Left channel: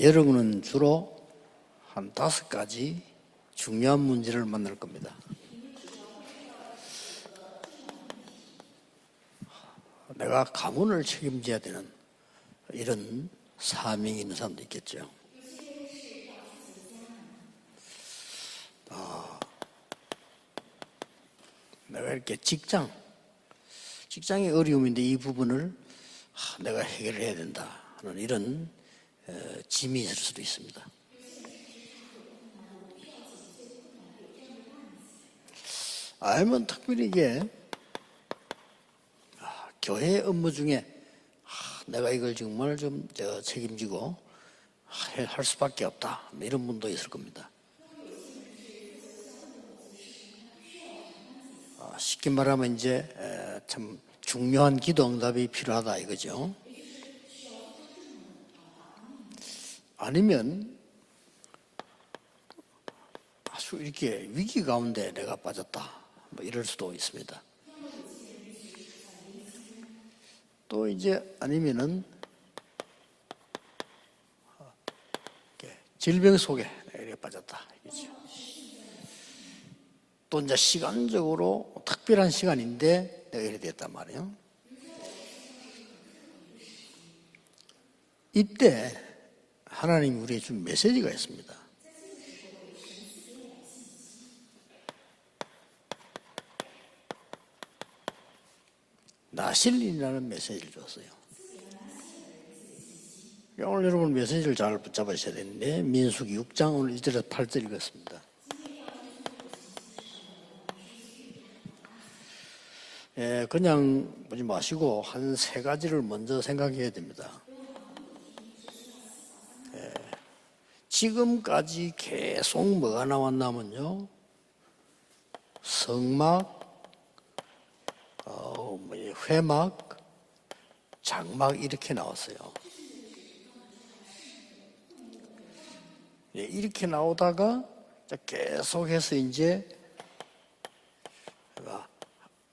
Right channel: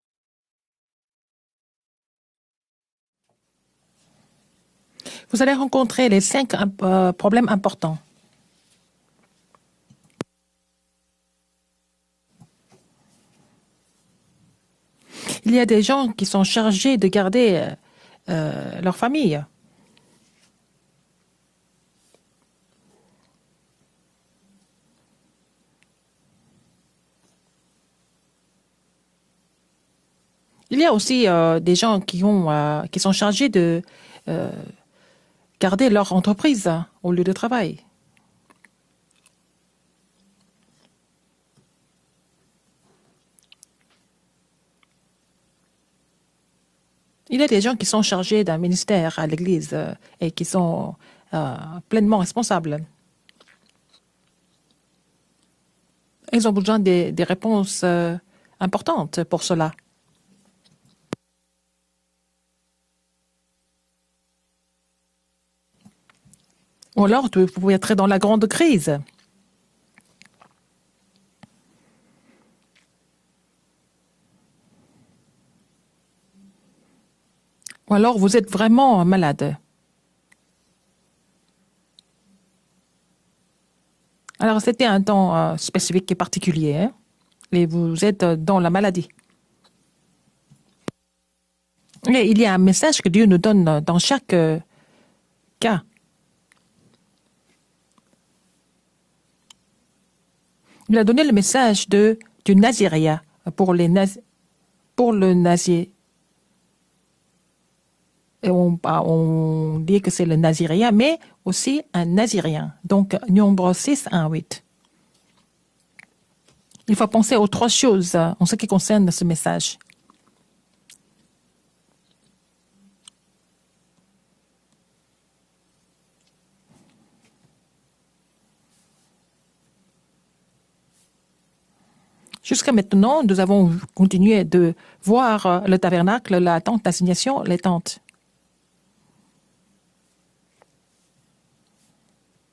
여러분은 주로 한 5가지 중요한 문제를 만날 겁니다. Vous allez rencontrer les 5 problèmes importants. 내가 가문을 책임져야 되는 이런 사명이 있는 사람도 있겠죠. Il y a des gens qui sont chargés de garder leur famille. 내가 이렇게 직장의 어려움인데 이 부분을 내가 해결해야 된다 하는 이런 짐이 있을 수도 있습니다. Il y a aussi des gens qui sont chargés de garder leur entreprise au lieu de travail. 교회 업무 중에 내가 이걸 정말 좀 책임지고 할 수밖에 없다 이런 분도 있을 겁니다. Il y a des gens qui sont chargés d'un ministère à l'Église et qui sont pleinement 쉽게 말하면 responsables. 이제 참 중요한 기도 응답이 필요하다 이거죠. Ils ont besoin des réponses importantes pour cela. 아니면 아주 이렇게 위기 가운데 내가 빠졌다 뭐 이럴 수도 Ou 있어요. alors, vous pouvez être dans la grande crise. 또 이제 아니면은 질병 속에 이렇게 빠졌다. Ou alors, vous êtes vraiment malade. 또 이제 시간적으로 특별한 시간인데 내가 이렇게 됐단 말이에요. Alors, c'était un temps spécifique et particulier. Hein? Et vous êtes dans la maladie. 하나님 우리에게 준 메시지가 있습니다. Et il y a un message que Dieu nous donne dans chaque cas. 나실린이라는 메시지를 줬어요. Il a donné le message du Naziréa pour les 여러분 nazis. 메시지를 잘 pour le 붙잡으셔야 nazi. 되는데 민수기 6장 오늘 1절에서 8절 읽었습니다. Et on dit que c'est le Naziréa, mais aussi un Nazirien. Donc, nombre 6, 1, 8. 마시고 한 세 가지를 먼저 생각해야 Il faut 돼요. penser aux 3 choses en ce qui concerne ce message. 지금까지 계속 뭐가 나왔냐면요. 성막, 회막, 장막 이렇게 나왔어요. Jusqu'à maintenant, nous avons continué de voir le tabernacle, la tente d'assignation, les tentes. 계속해서 이제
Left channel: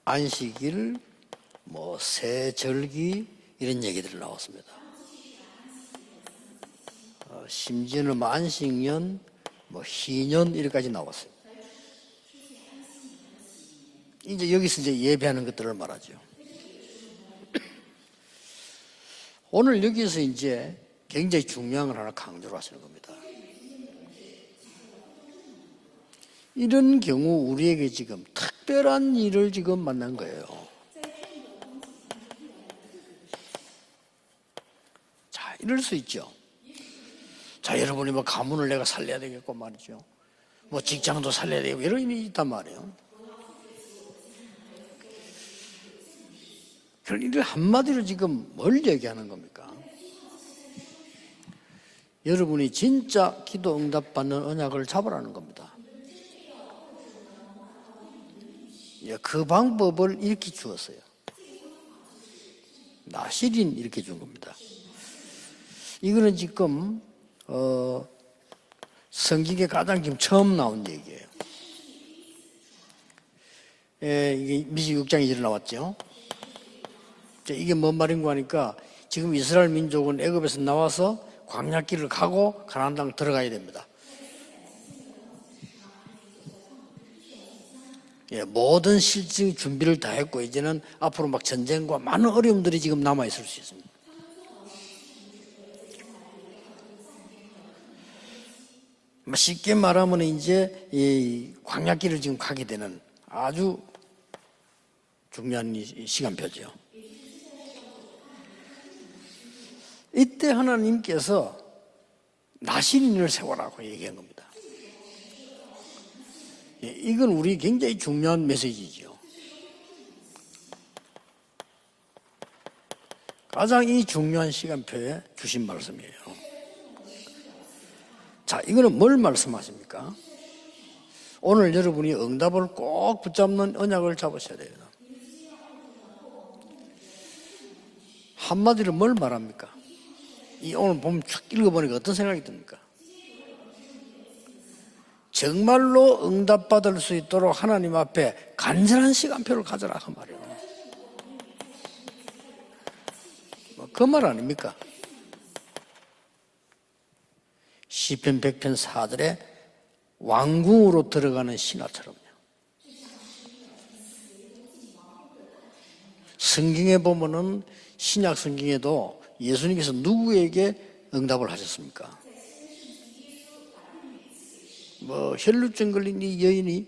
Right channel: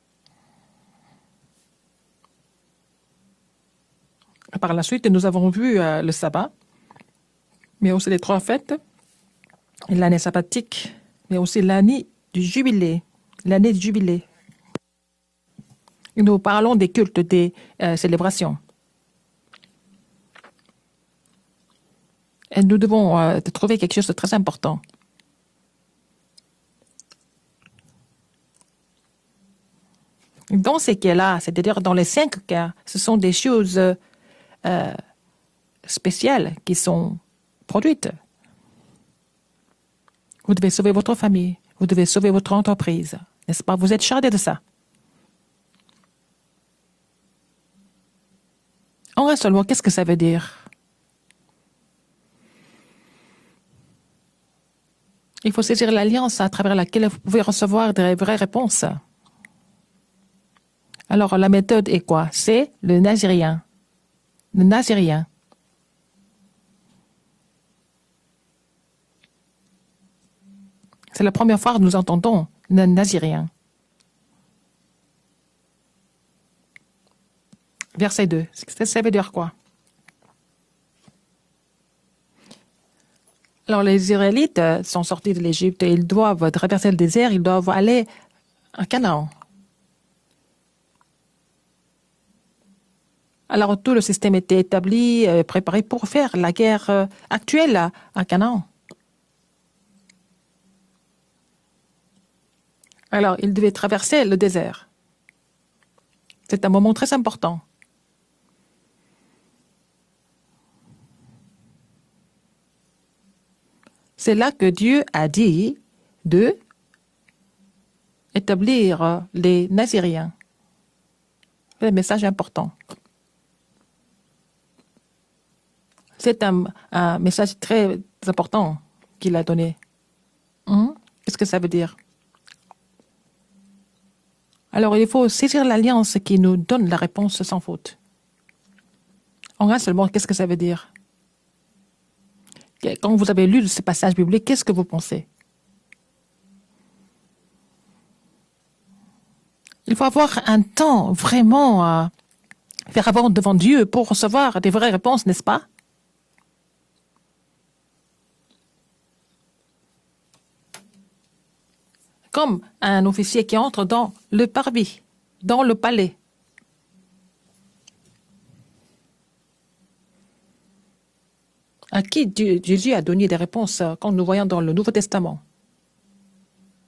안식일, 뭐 세절기 이런 얘기들 나왔습니다. Par la suite, nous avons vu le sabbat, mais aussi 심지어는 les 뭐 3 fêtes, 안식년, 뭐 l'année 희년 sabbatique, 이렇게까지 나왔어요. mais aussi l'année du jubilé. L'année du jubilé. 이제 여기서 이제 예배하는 것들을 말하죠. Nous parlons des cultes, des célébrations. 오늘 여기서 이제 굉장히 중요한 걸 하나 강조를 Et nous devons trouver quelque chose de très important. 이런 경우 우리에게 지금 특별한 일을 지금 만난 거예요. Dans ces cas-là, c'est-à-dire dans les 5 cas, ce sont des choses 자, 이럴 수 있죠. spéciales qui sont 자, produites. 여러분이 뭐 가문을 내가 살려야 되겠고 말이죠. Vous devez sauver votre 직장도 famille, 살려야 되고 vous devez 이런 sauver 일이 votre 있단 말이에요. entreprise. N'est-ce pas? Vous êtes chargé de ça. 그럼 이를 한마디로 지금 뭘 얘기하는 En 거예요? un seul mot, qu'est-ce que ça veut dire? 여러분이 진짜 기도 응답 받는 언약을 잡으라는 겁니다. Il faut saisir l'alliance à travers laquelle vous pouvez recevoir des vraies réponses. 예, 그 방법을 이렇게 주었어요. Alors, la méthode est quoi? C'est le nazirien. 시린 이렇게 준 겁니다. Le nazirien. 이거는 지금 성경에 가장 지금 처음 나온 얘기예요. C'est la première fois que nous entendons le nazirien. 예, 이게 미시 6장 2절 나왔죠. 자, 이게 뭔 Verset 말인가 2. 하니까 Ça veut dire 지금 quoi? 이스라엘 민족은 애굽에서 나와서 광야길을 가고 가나안 땅 들어가야 됩니다. Alors, les Israélites sont sortis de l'Égypte et ils doivent traverser le désert, ils doivent aller. 예, 모든 가나안. 실질 준비를 다 했고 이제는 앞으로 막 전쟁과 많은 어려움들이 지금 남아 있을 수 있어요. Alors, tout le système était établi, préparé pour faire la guerre actuelle à Canaan. 쉽게 말하면 이제 이 광야길을 지금 가게 되는 Alors, ils 아주 devaient traverser le désert. 중요한 시간표죠. C'est un moment très important. 이때 하나님께서 나신인을 세워라고 얘기한 거예요. C'est là que Dieu a dit de 예, 이건 우리 굉장히 중요한 메시지. établir les Naziriens. C'est un message important. 가장 이 중요한 시간표에 주신 말씀이에요. C'est un message très 자, important 이거는 뭘 qu'il a donné. 말씀하십니까? Qu'est-ce que ça veut 오늘 dire? 여러분이 응답을 꼭 붙잡는 언약을 잡으셔야 돼요. Alors, il faut saisir l'alliance qui nous donne la réponse sans faute. 한마디로 뭘 말합니까? En un seul mot, qu'est-ce que ça veut dire? 오늘 보면 쭉 읽어보니까 어떤 생각이 듭니까? Quand vous avez lu ce passage biblique, qu'est-ce que vous pensez? 정말로 응답받을 수 있도록 하나님 앞에 간절한 시간표를 가져라. Il faut avoir un temps vraiment faire avant devant Dieu pour Comment recevoir la- des vraies réponses, n'est-ce pas? 시편 100편 4절에 왕궁으로 들어가는 신하처럼 comme un officier qui entre dans le parvis, dans le palais. 성경에 보면은 신약 성경에도 예수님께서 누구에게 응답을 하셨습니까? À qui Jésus a donné des réponses quand nous voyons dans le Nouveau Testament. 혈루증 걸린 이 여인이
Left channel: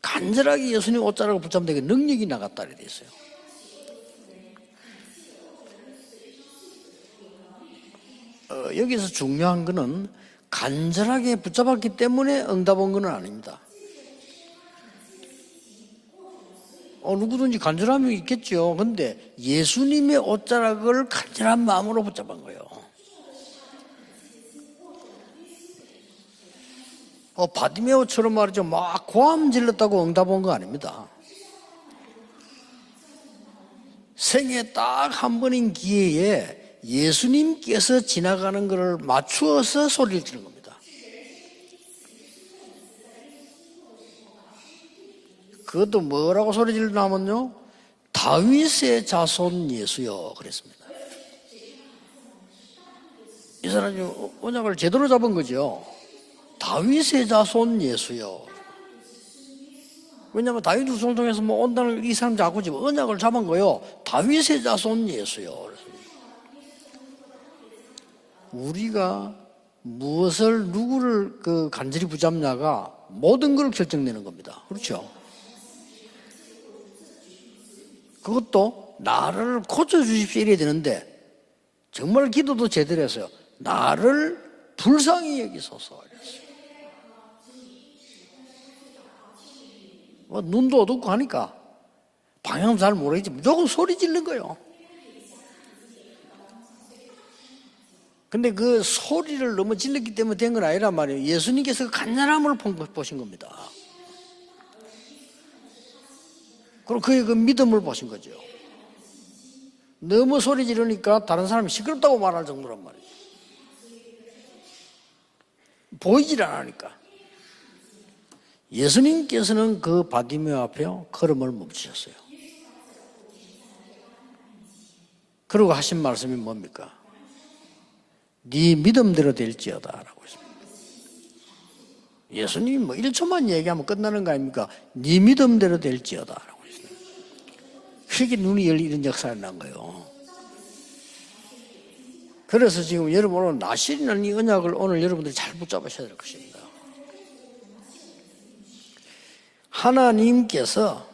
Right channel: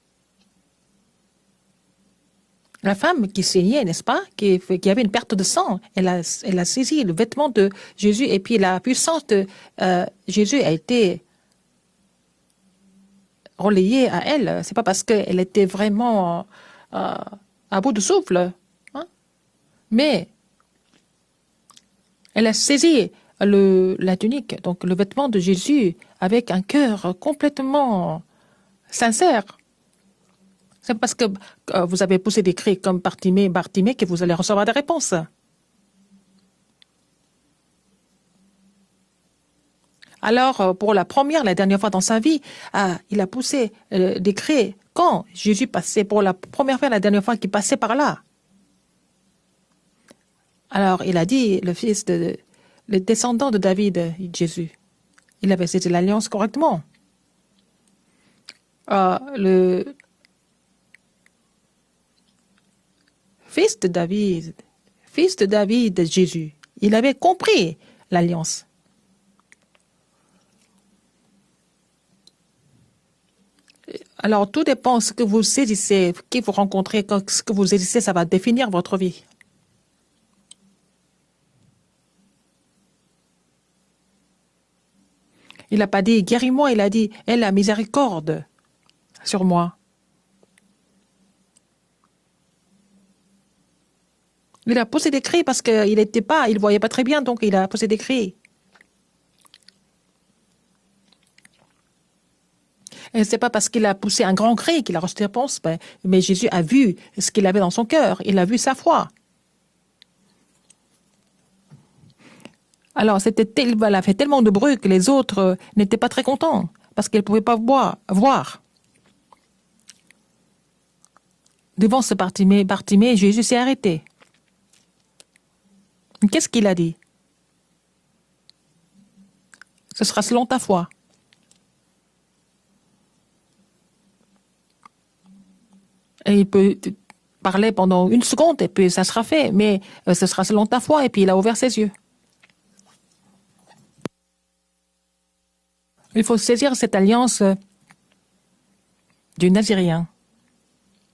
간절하게 예수님 옷자락을 붙잡는 능력이 나갔다. La femme qui saignait, n'est-ce pas, qui avait une perte de sang, elle a saisi le vêtement de Jésus et puis la 여기서 puissante 중요한 거는 Jésus a été 간절하게 붙잡았기 때문에 응답 온 건 아닙니다. relayé à elle. C'est pas parce qu'elle était vraiment 누구든지 à bout 간절한 de 게 souffle. 있겠죠. 근데 예수님의 Mais- 옷자락을 간절한 마음으로 붙잡았어요. Elle a saisi la tunique, donc le vêtement de Jésus, avec un cœur complètement. 바디메오처럼 말이죠. 막 sincère. 고함 질렀다고 응답 온 거 아닙니다. C'est parce que vous avez poussé des cris comme Bartimée que vous allez recevoir des réponses. 딱한 번인 기회에 예수님께서 지나가는 것을 맞추어서 소리를 Alors, pour la première, la dernière fois dans sa vie, il a poussé des cris quand Jésus passait pour la première fois, la dernière fois qu'il passait par là. 다윗의 자손 예수여 그랬습니다. Alors, il a dit, le descendant de David, Jésus. 언약을 제대로 잡은 Il avait 거죠. saisi l'alliance correctement. 다윗의 자손 예수여. Le 왜냐하면 다윗 후손 통해서 뭐 온당을 이 사람 잡고 지금 언약을 잡은 거예요. fils de David, 다윗의 자손 fils de 예수여. David, Jésus. Il avait compris l'alliance. 우리가 무엇을 누구를 간절히 붙잡냐가 모든 걸 결정내는 Alors, 겁니다. tout dépend de ce que vous saisissez, qui vous rencontrez, ce que vous saisissez, ça va définir votre vie. 나를 고쳐주십시오 이래야 되는데 정말 기도도 제대로 했어요. 나를 불쌍히 여기소. Il n'a pas dit guéris-moi, il a dit aie la miséricorde sur moi. 눈도 어둡고 하니까 방향 잘 모르겠지 무조건 소리 지르는 거예요. Il a poussé des cris parce qu'il ne voyait pas très bien, donc il a poussé des cris. 근데 그 소리를 너무 질렀기 때문에 된 건 아니란 말이에요. 예수님께서 그 간절함을 보신 Et 거예요. ce n'est pas parce qu'il a poussé un grand cri qu'il a reçu des réponses, mais Jésus a vu 그의 ce qu'il avait dans son 믿음을 cœur. Il a vu sa foi. 너무 소리 지르니까 다른 사람이 시끄럽다고 말할 정도란 말이에요. Alors, elle a fait tellement de bruit que les autres n'étaient pas très contents parce qu'ils ne pouvaient pas voir. 예수님께서는 그 바디메오 앞에 걸음을 멈추셨어요. Devant ce Bartimée, Jésus s'est arrêté. 그러고 하신 말씀이 Qu'est-ce qu'il a dit? 네 믿음대로 될지어다. Ce sera selon ta foi. 예수님이 뭐 1초만 얘기하면 끝나는 거 아닙니까? 네 믿음대로 될지어다. Et il peut parler pendant une seconde et puis ça sera fait. Mais ce sera selon ta foi. Et puis il a ouvert ses yeux. 그래서 지금 여러분 오늘 나실이라는 이 언약을 오늘 여러분들이 잘 붙잡으셔야 돼요. Il faut saisir cette alliance du Nazirien. 하나님께서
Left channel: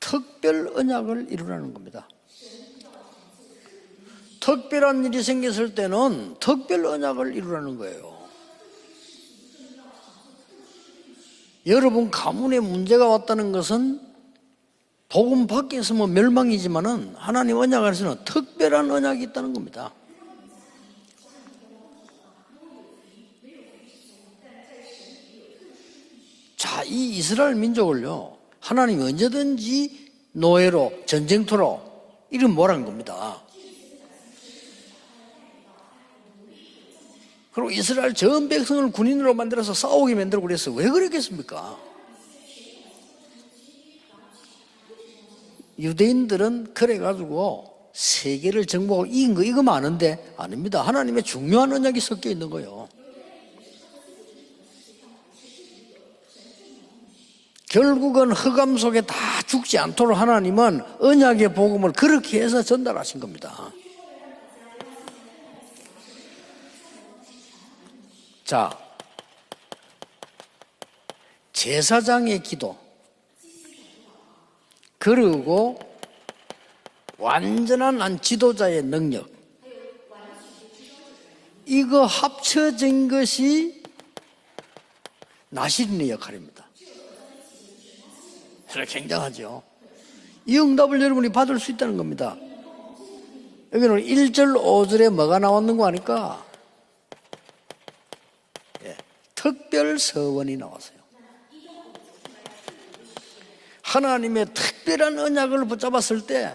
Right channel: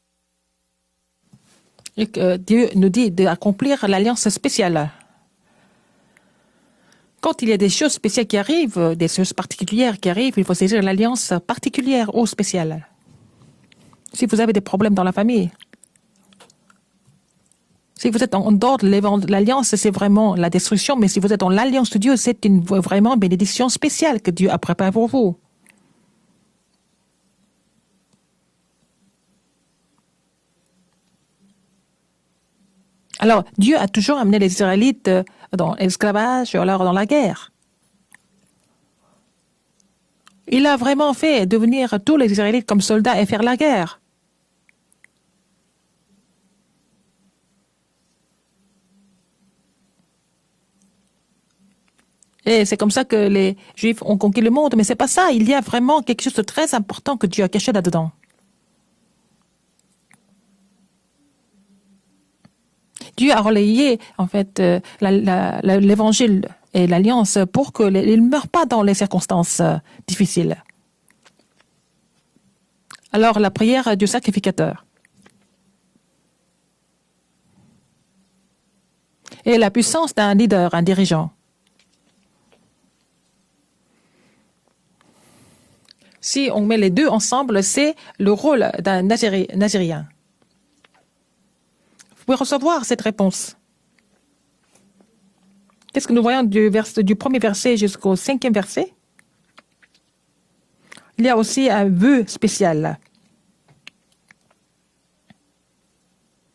특별 언약을 이루라는 겁니다. Et que Dieu nous dit d'accomplir l'alliance spéciale. 특별한 일이 생겼을 때는 특별 언약을 Quand il y a des 이루라는 choses spéciales qui arrivent, des choses particulières qui arrivent, il faut saisir l'alliance particulière 여러분 ou 가문에 spéciale. 문제가 왔다는 것은 Si vous avez des problèmes dans la 복음 famille, 밖에 있으면 멸망이지만은 하나님 언약을 si vous êtes en dehors de l'alliance, c'est vraiment la destruction. Mais si vous êtes dans l'alliance de Dieu, c'est vraiment une bénédiction spéciale que Dieu a préparée pour vous. 자, 이 이스라엘 민족을요. 하나님이 언제든지 노예로 전쟁터로 이런 뭐라는 겁니다. Alors, Dieu a toujours amené les Israélites dans l'esclavage, alors dans la guerre. 그리고 이스라엘 전 백성을 군인으로 만들어서 싸우게 만들고 Il a 그랬어요. 왜 vraiment fait 그랬겠습니까? devenir tous les Israélites comme soldats et faire la guerre. 유대인들은 그래가지고 세계를 정복하고 이긴 거 이거 많은데 아닙니다. 하나님의 중요한 언약이 섞여 있는 거예요. Et c'est comme ça que les Juifs ont conquis le monde. Mais c'est pas ça. Il y a vraiment quelque chose de très important que Dieu a caché là-dedans. 결국은 흑암 속에 다 죽지 않도록 하나님은 언약의 복음을 그렇게 해서 전달하신 Dieu 거예요. a relayé en fait l'évangile et l'alliance pour qu'ils ne meurent pas dans les circonstances difficiles. 제사장의 기도 Alors la prière du sacrificateur 그리고 완전한 한 지도자의 능력 et la puissance d'un leader, un dirigeant. 이거 합쳐진 것이 나시린의 역할이에요. Si on met les deux ensemble, c'est le rôle d'un nazirien. 이 응답을 여러분이 받을 수 있다는 겁니다. Vous pouvez recevoir cette réponse. 여기는 1절 5절에 뭐가 나왔는 거 Qu'est-ce que nous 아닙니까? voyons du premier verset jusqu'au cinquième verset? 특별 서원이 나왔어요. Il y a aussi un vœu spécial. 하나님의 특별한 언약을 붙잡았을 때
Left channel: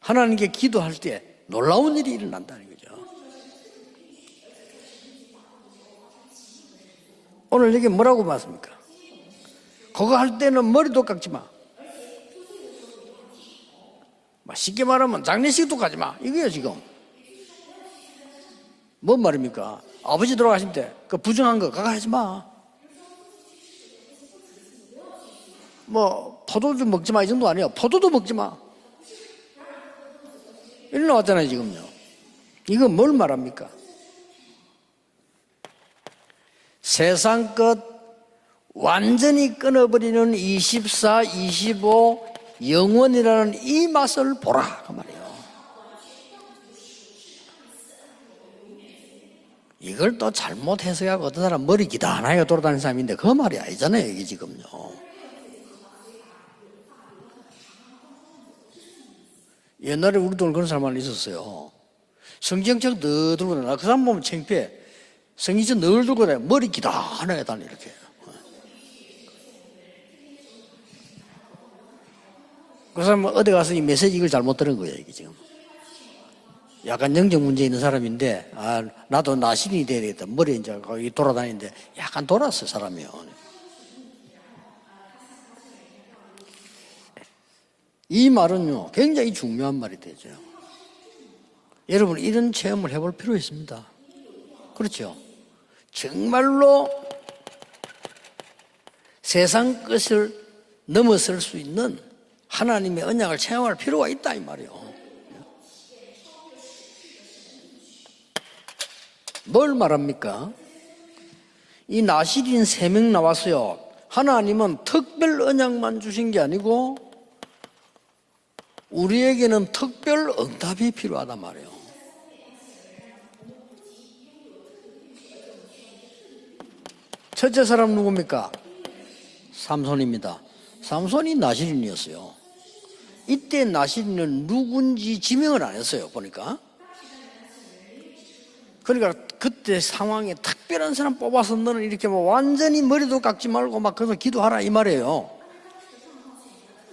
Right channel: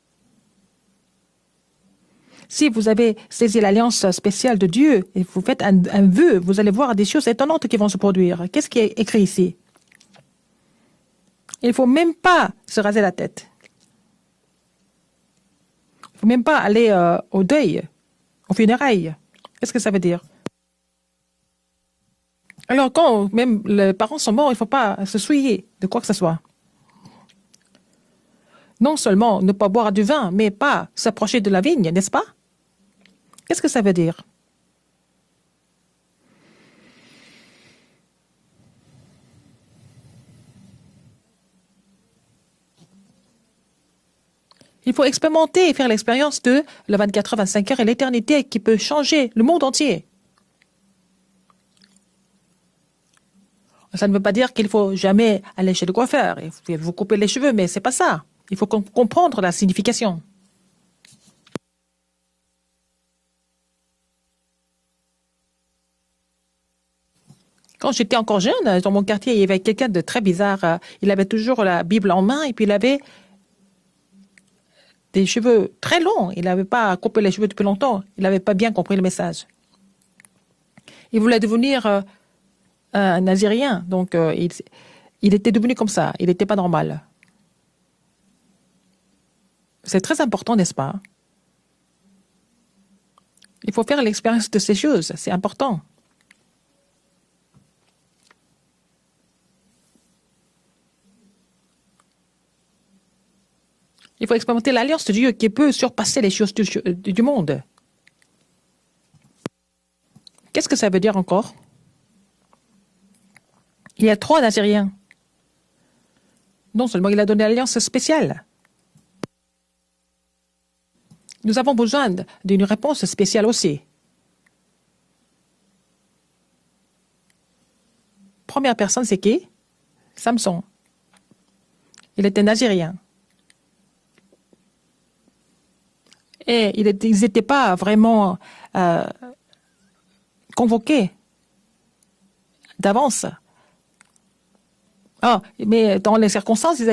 하나님께 기도할 때 놀라운 일이 일어난다. Si vous avez saisi l'alliance spéciale de Dieu et vous faites un vœu, vous allez voir des choses étonnantes qui vont se produire. Qu'est-ce qui est écrit ici? 그거 할 때는 머리도 깎지 마. Il ne faut même pas se raser la tête. 쉽게 말하면 장례식도 가지 마. Même 이거야, pas 지금. aller au deuil, aux funérailles. 뭔 말입니까? Qu'est-ce que ça veut dire? 아버지 돌아가실 때 그 부정한 거 가가 하지 마. Alors, quand même les parents sont morts, il ne faut pas se souiller de quoi que ce soit. 포도주 먹지 마 이 정도 아니야. 포도도 먹지 마. Non seulement ne pas boire du vin, mais pas Il s'approcher de la dit. vigne, n'est-ce pas? 이거 뭘 말합니까? Qu'est-ce que ça veut dire? 세상 것 완전히 끊어버리는 24, 25 영원이라는 이 맛을 보라. Il faut expérimenter et faire l'expérience de la 24 heures, 25 heures et l'éternité qui peut changer le monde entier. 이걸 또 잘못 해석하고 어떤 사람 머리 기다나게 돌아다니는 사람인데 그 말이 아니잖아요. Ça ne veut pas 이게 dire qu'il faut jamais aller chez le coiffeur, il faut vous couper les cheveux, mais c'est pas ça. Il faut comprendre la signification. 옛날에 우리 동네 그런 사람 있었어요. 성경책 늘 들고 다녀. 그 사람 보면 창피해. 성경책 늘 들고 다녀. 머리 기다나게 다니래. Quand j'étais encore jeune, dans mon quartier, il y avait quelqu'un de très bizarre. Il avait toujours la Bible en main et puis il avait 그 사람 어디 가서 이 메시지 이걸 잘못 들은 거예요. 이게. des cheveux très longs. Il n'avait pas 약간 coupé les 영적 cheveux 문제 depuis 있는 longtemps. Il n'avait 사람인데 pas bien compris le message. 나도 나신이 돼야 되겠다. 머리 이제 거기 Il voulait 돌아다니는데 devenir 약간 돌았어 사람이. un nazirien, donc il était devenu comme ça. Il n'était pas normal. 이 말은요 굉장히 중요한 말이에요. C'est très important, n'est-ce pas? 여러분 이런 체험을 해볼 필요 있습니다. Il faut faire l'expérience de ces choses. C'est important. 정말로 세상 것을 넘어설 수 있는 하나님의 언약을 체험할 필요가 Il 있다. faut expérimenter l'alliance de Dieu qui peut surpasser les choses du monde. 뭘 말합니까? Qu'est-ce que ça veut dire encore? 이 나시린 3명 나왔어요. Il y a trois 하나님은 Naziréens. 특별 언약만 주신 게 아니고 Non seulement il a donné l'alliance spéciale, 우리에게는 특별 응답이 필요하단 말이에요. nous avons besoin d'une réponse spéciale aussi. 첫째 사람 누굽니까? Première personne, c'est qui? 삼손입니다. Samson. 삼손이 나시린이었어요. Il était nazirien. 이때 나시린은 누군지 지명을 안 했어요. 보니까. Et ils n'étaient pas vraiment 그러니까 그때 상황에 특별한 convoqué. 사람 뽑아서 너는 이렇게 뭐 완전히 머리도 d'avance. 깎지 말고 막 그래서 기도하라 이 말이에요. Ah, mais dans les circonstances,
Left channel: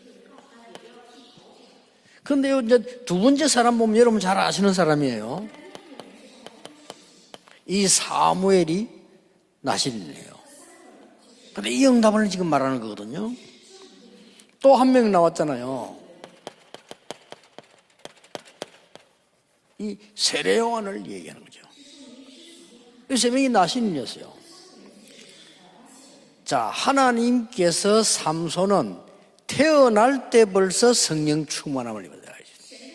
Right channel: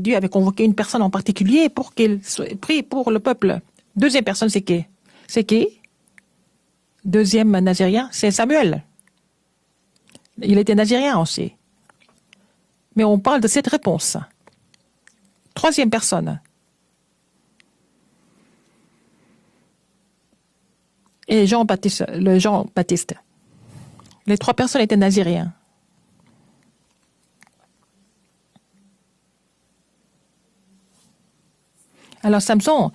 Dieu avait convoqué une personne en particulier pour qu'il 근데 prie pour 두 le 번째 peuple. 사람 보면 여러분 Deuxième 잘 personne, c'est 아시는 qui? 사람이에요. C'est qui? Deuxième 이 nazirien, c'est Samuel. 사무엘이 나시린이에요. Il était nazirien aussi. 근데 이 응답을 지금 말하는 Mais on 거거든요. parle de cette réponse. 또 한 명 나왔잖아요. Troisième personne. 이 세례 요한을 얘기해요. Et Jean-Baptiste, le Jean-Baptiste. 그 세 명이 나시린이었어요. Les trois personnes étaient naziriens. 자, 하나님께서 삼손은 태어날 때 벌써 성령 충만함을 입었어요. Alors Samson,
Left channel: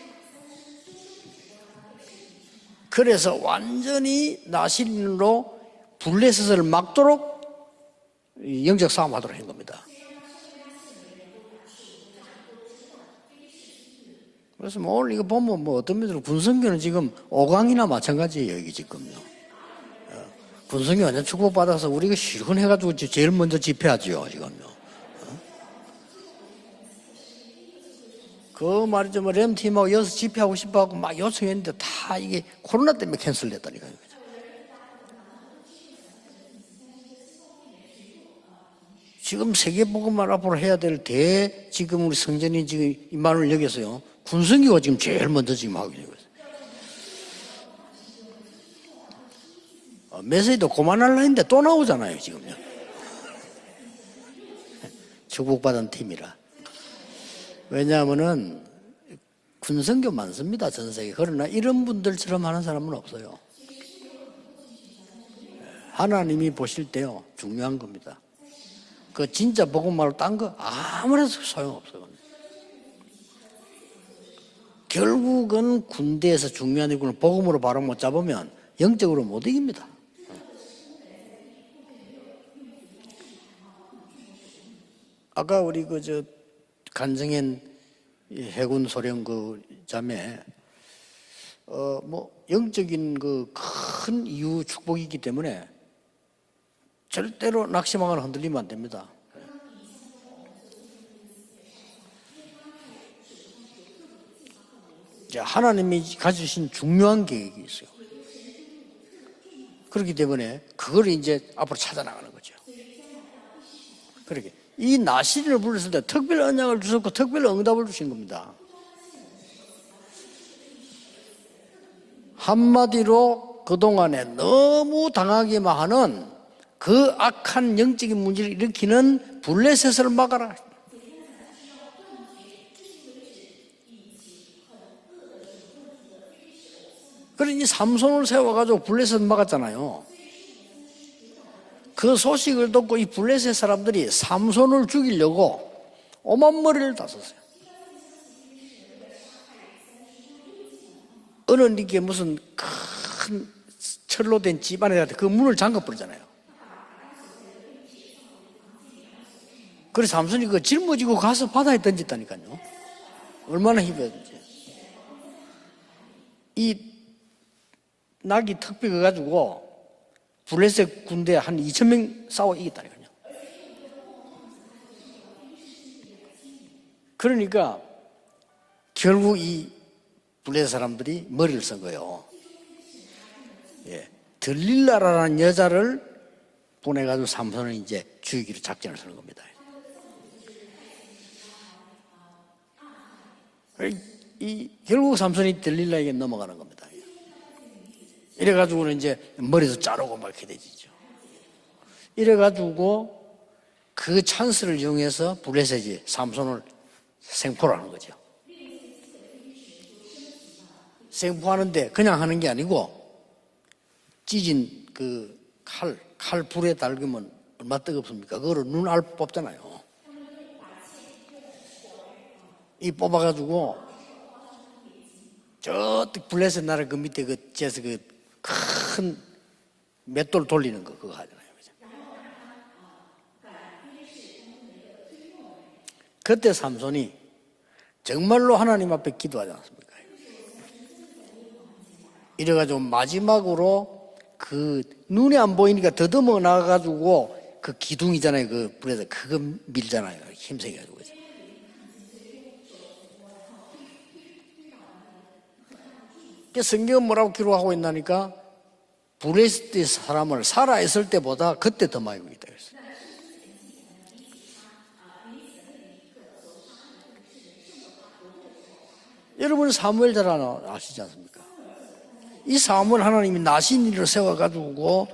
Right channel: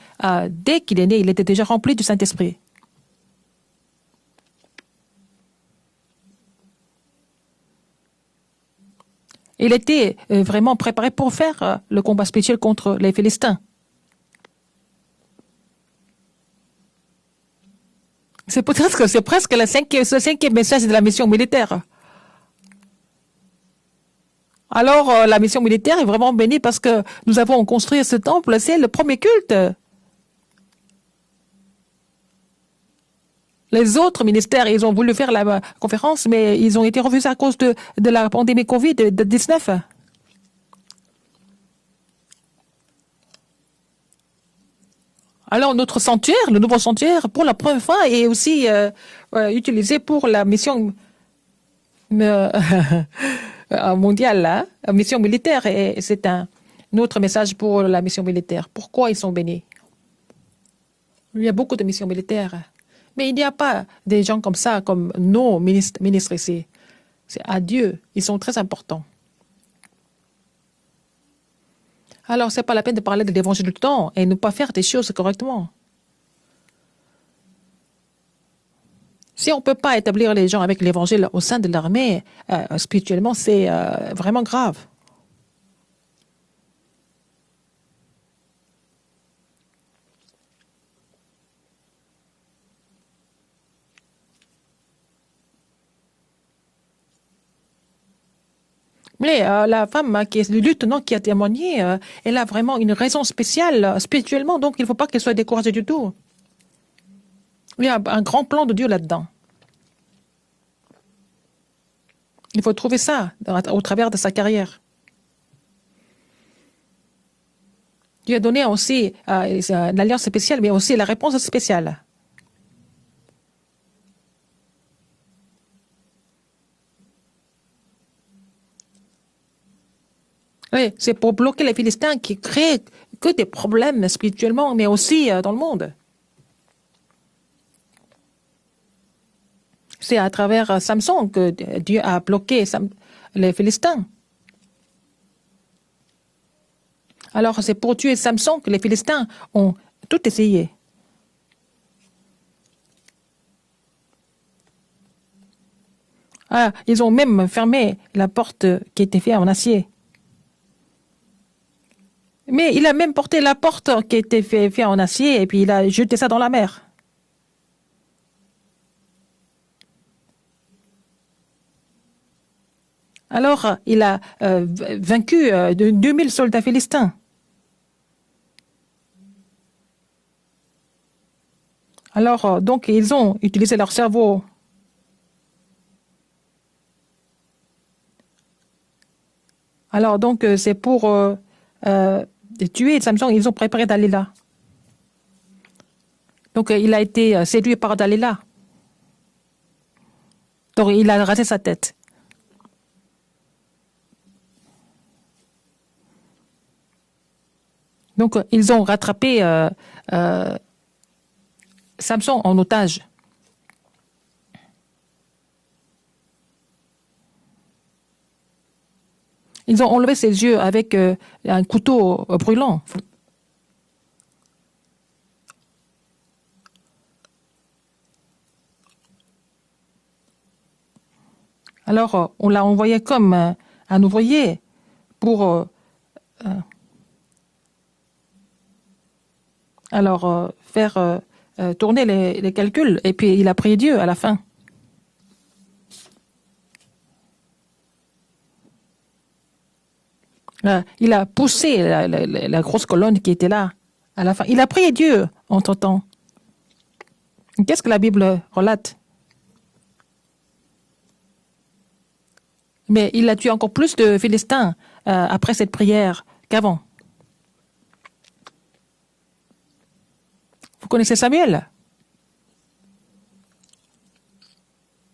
dès qu'il est né, il était déjà rempli du Saint-Esprit. 그래서 완전히 나시린으로 블레셋을 막도록 이 영적 싸움하도록 한 겁니다. Il était vraiment préparé pour faire le combat spirituel contre les Philistins. 그래서 뭐 오늘 이거 보면 뭐 어떤 면으로 군성교는 지금 5강이나 마찬가지예요. C'est peut-être que c'est presque le cinquième message de la mission militaire. 받아서 우리가 실현해가지고 제일 먼저 집회하죠 지금. Alors la mission militaire est vraiment bénie parce que nous avons construit ce temple, c'est le premier culte. 뭐 여기서 집회하고 싶어하고 막 요청했는데 다 이게 코로나 때문에 캔슬됐다. Les autres ministères, ils ont voulu faire la conférence, mais ils ont été refusés à cause de la pandémie 지금 Covid-19. 세계복음을 앞으로 해야 될 지금 우리 성전이 지금 이만을 여기서요. 군성교가 지금 제일 먼저. Alors notre sanctuaire, le nouveau sanctuaire, pour la première fois, est aussi utilisé pour la mission. mission 그만할라 했는데 또 나오잖아요. mondiale, la mission militaire. Et c'est un autre message pour la mission militaire. Pourquoi ils sont bénis? 군성교 많습니다 전 세계. Il y a beaucoup de missions militaires. Mais il n'y a pas des gens comme ça, comme nos ministres ici. 하나님이 보실 때요. C'est à Dieu. Ils sont très importants. 그 진짜 복음 말고 딴 거 아무래도 소용없어요. Alors, c'est pas la peine de parler de l'évangile du temps et ne pas faire des choses correctement. 결국은 군대에서 중요한 일꾼을 복음으로 바로 못 잡으면 영적으로 못 Si on ne peut pas établir les gens avec l'évangile au sein de l'armée, spirituellement, c'est vraiment grave. 아까 우리 그저 간정현 해군 소령 그 자매 뭐 영적인 그 큰 이유 축복이기 때문에 절대로 낙심하거나 흔들리면 안 됩니다. Mais la femme qui est le lieutenant qui a témoigné, elle a vraiment une raison spéciale spirituellement, donc il ne faut pas qu'elle soit découragée du tout. 하나님이 가지신 중요한 계획이 있어요. Il y a un grand plan de Dieu là-dedans. 그렇기 때문에 그걸 이제 앞으로 찾아나가는 거죠. Il faut trouver ça au travers de sa carrière. 이 나시린을 불렀을 때 특별 언약을 주셨고 특별 응답을 주신 겁니다. Dieu a donné aussi l'alliance spéciale, mais aussi la réponse spéciale. 한마디로 그동안에 너무 당하기만 하는 그 악한 영적인 문제를 일으키는 블레셋을 막아라. Oui, c'est pour bloquer les Philistins qui créent que des problèmes spirituellement, mais aussi dans le monde. 그러니 삼손을 세워가지고 블레셋 막았잖아요. C'est à travers Samson que Dieu 그 a bloqué 소식을 듣고 이 les 블레셋 Philistins. 사람들이 삼손을 죽이려고 오만 머리를 다 썼어요. Alors c'est pour tuer Samson que les Philistins ont tout essayé. 어느 이게 무슨 큰 철로 된 집안에 그 문을 잠가 버리잖아요. Ah, ils ont même fermé la porte qui était faite en acier. 그래서 삼손이 그 짊어지고 가서 바다에 던졌다니까요. Mais il a même porté la Vraiment, porte il- qui était faite en acier et puis il a jeté ça dans la mer. 이 낙이 턱비 가가지고 블레셋 군대 한 2,000명 싸워 이겼다니까요. Alors il a vaincu de 2000 soldats philistins. 그러니까 결국 이 블레셋 사람들이 머리를 쓴 거예요. Alors donc ils ont utilisé leur cerveau. 들릴라라는 여자를 보내가지고 삼손을 이제 죽이기로 작전을 쓰는 겁니다. Alors donc c'est pour tuer Samson, ils ont préparé Dalila. 이 결국 삼손이 들릴라에게 넘어가는 거예요. Donc il a été séduit par Dalila. 이래가지고는 이제 머리도 자르고 막 이렇게 되지. Donc il a rasé sa tête. 이래가지고 그 찬스를 이용해서 블레셋이 삼손을 생포하는 거죠. Donc ils ont rattrapé 생포하는데 그냥 하는 Samson 게 en 아니고 otage. 찢은 그 칼 불에 달구면 얼마 뜨겁습니까? 그거를 눈알 뽑잖아요. Ils ont enlevé ses yeux avec un couteau brûlant. 이 뽑아가지고 저 블레셋 나라 그 밑에 그 제에서 그 큰 맷돌 돌리는 거 그거 하잖아요. Alors on l'a envoyé comme un ouvrier pour 그때 삼손이 정말로 하나님 앞에 기도하지 않습니까? alors faire tourner les 이래가지고 calculs et puis il a prié Dieu à la fin. 그 눈에 안 보이니까 더듬어 나가가지고 그 기둥이잖아요. 그 불에서 그거 밀잖아요. 힘세. Il a poussé la grosse colonne qui était là à la fin. Il a prié Dieu entre-temps. 그 성경은 뭐라고 기록하고 Qu'est-ce que la 있나니까 Bible relate? 블레셋 사람을 살아 있을 때보다 그때 더 많이 죽였다 그랬어요. Mais il a tué encore plus de Philistins après cette prière qu'avant. 여러분 사무엘 잘 아나? Vous connaissez Samuel? 이 사무엘 하나님이 나신이를 세워가지고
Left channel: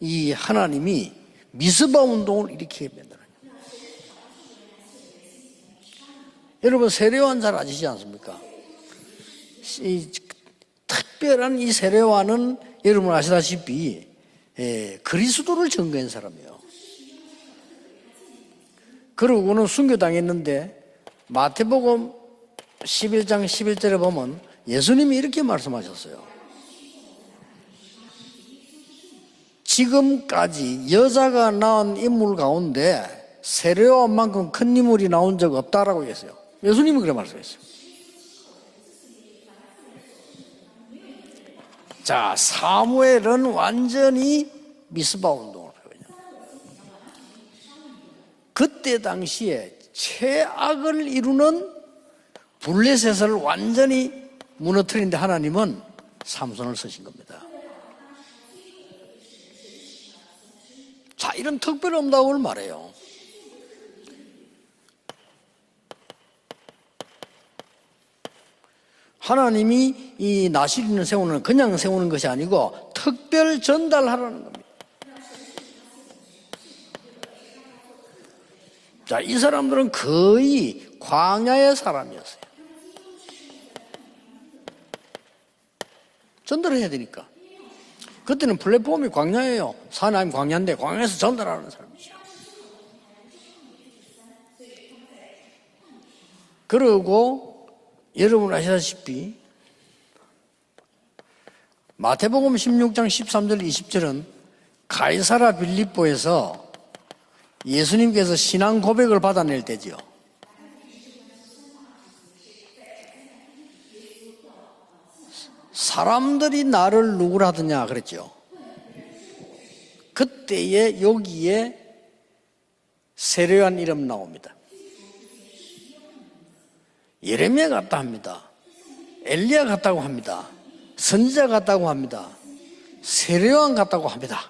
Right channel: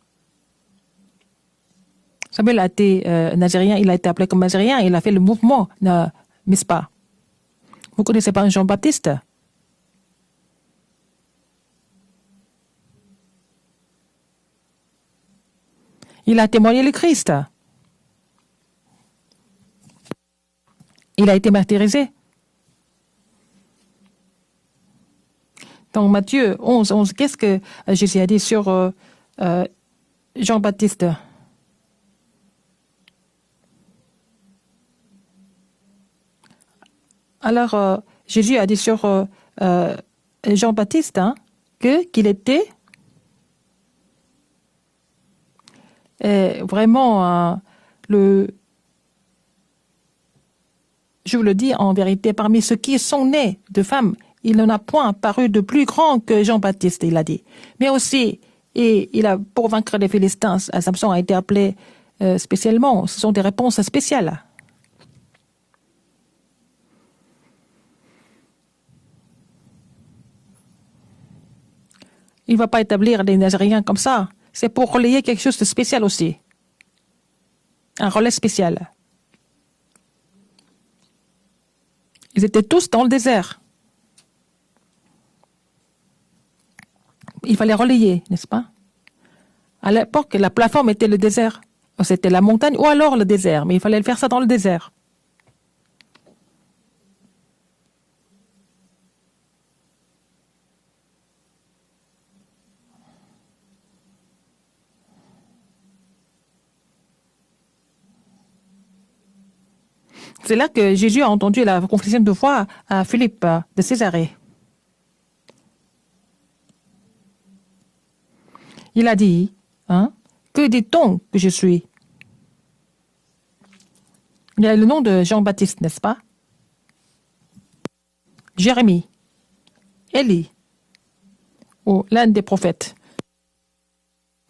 이 하나님이 미스바 운동을 Samuel a été nazérien, il a été appelé comme nazérien, il a fait le mouvement de Mispa. 여러분 세례요한 잘 아시지 Vous 않습니까? connaissez pas Jean-Baptiste? 이 특별한 이 세례요한은 여러분 아시다시피 그리스도를 증거한 사람. Il a témoigné le Christ. 그러고는 순교당했는데 Il a été martyrisé. 11장 11절에 보면 예수님이 이렇게 말씀하셨어요. Donc Matthieu 11, qu'est-ce que Jésus a dit sur 지금까지 Jean-Baptiste. 여자가 낳은 인물 가운데 세례요한만큼 큰 인물이 나온 적 없다라고 했어요. 예수님이 그래 말씀했어요. Alors Jésus a dit sur Jean-Baptiste hein, qu'il 자, était 사무엘은 완전히 미스바 운동을 해요. vraiment le 그때 당시에 최악을 je vous le 이루는 dis en vérité, parmi ceux qui sont nés de femmes, il n'en a point paru de plus grand que Jean-Baptiste, il a dit. Mais aussi, et il a, pour vaincre les Philistins, Samson a été appelé spécialement. Ce sont des réponses spéciales. 하나님이 이 나시린을 세우는 그냥 세우는 것이 Il ne 아니고 va pas établir des 특별 Nazariens comme ça. 전달하는. C'est pour relayer quelque chose de spécial aussi. Un relais spécial. 자, 이 사람들은 거의 광야의 사람이었어요. Ils étaient tous dans le désert. 전달을 해야 되니까. Il fallait relayer. n'est-ce 그때는 pas? 플랫폼이 광야예요. À l'époque, la plateforme était le désert. C'était la montagne ou alors le désert. Mais il fallait faire ça dans le désert. 그리고 여러분 아시다시피 마태복음 16장 13절 20절은 가이사라 빌립보에서 예수님께서 신앙 고백을 받아낼 때지요. C'est là que Jésus a entendu la confession de foi à Philippe de Césarée. 사람들이 나를 누구라 하더냐 그랬죠. Il a dit, hein, que 그때에 dit-on que je suis? 여기에 세례요한 이름 나옵니다. Il y a le nom de Jean-Baptiste, n'est-ce pas? 예레미야 같다 합니다. Jérémie, 엘리야 같다고 합니다. 엘리. 선지자 같다고 ou 합니다. l'un des prophètes, 세례요한 같다고 합니다.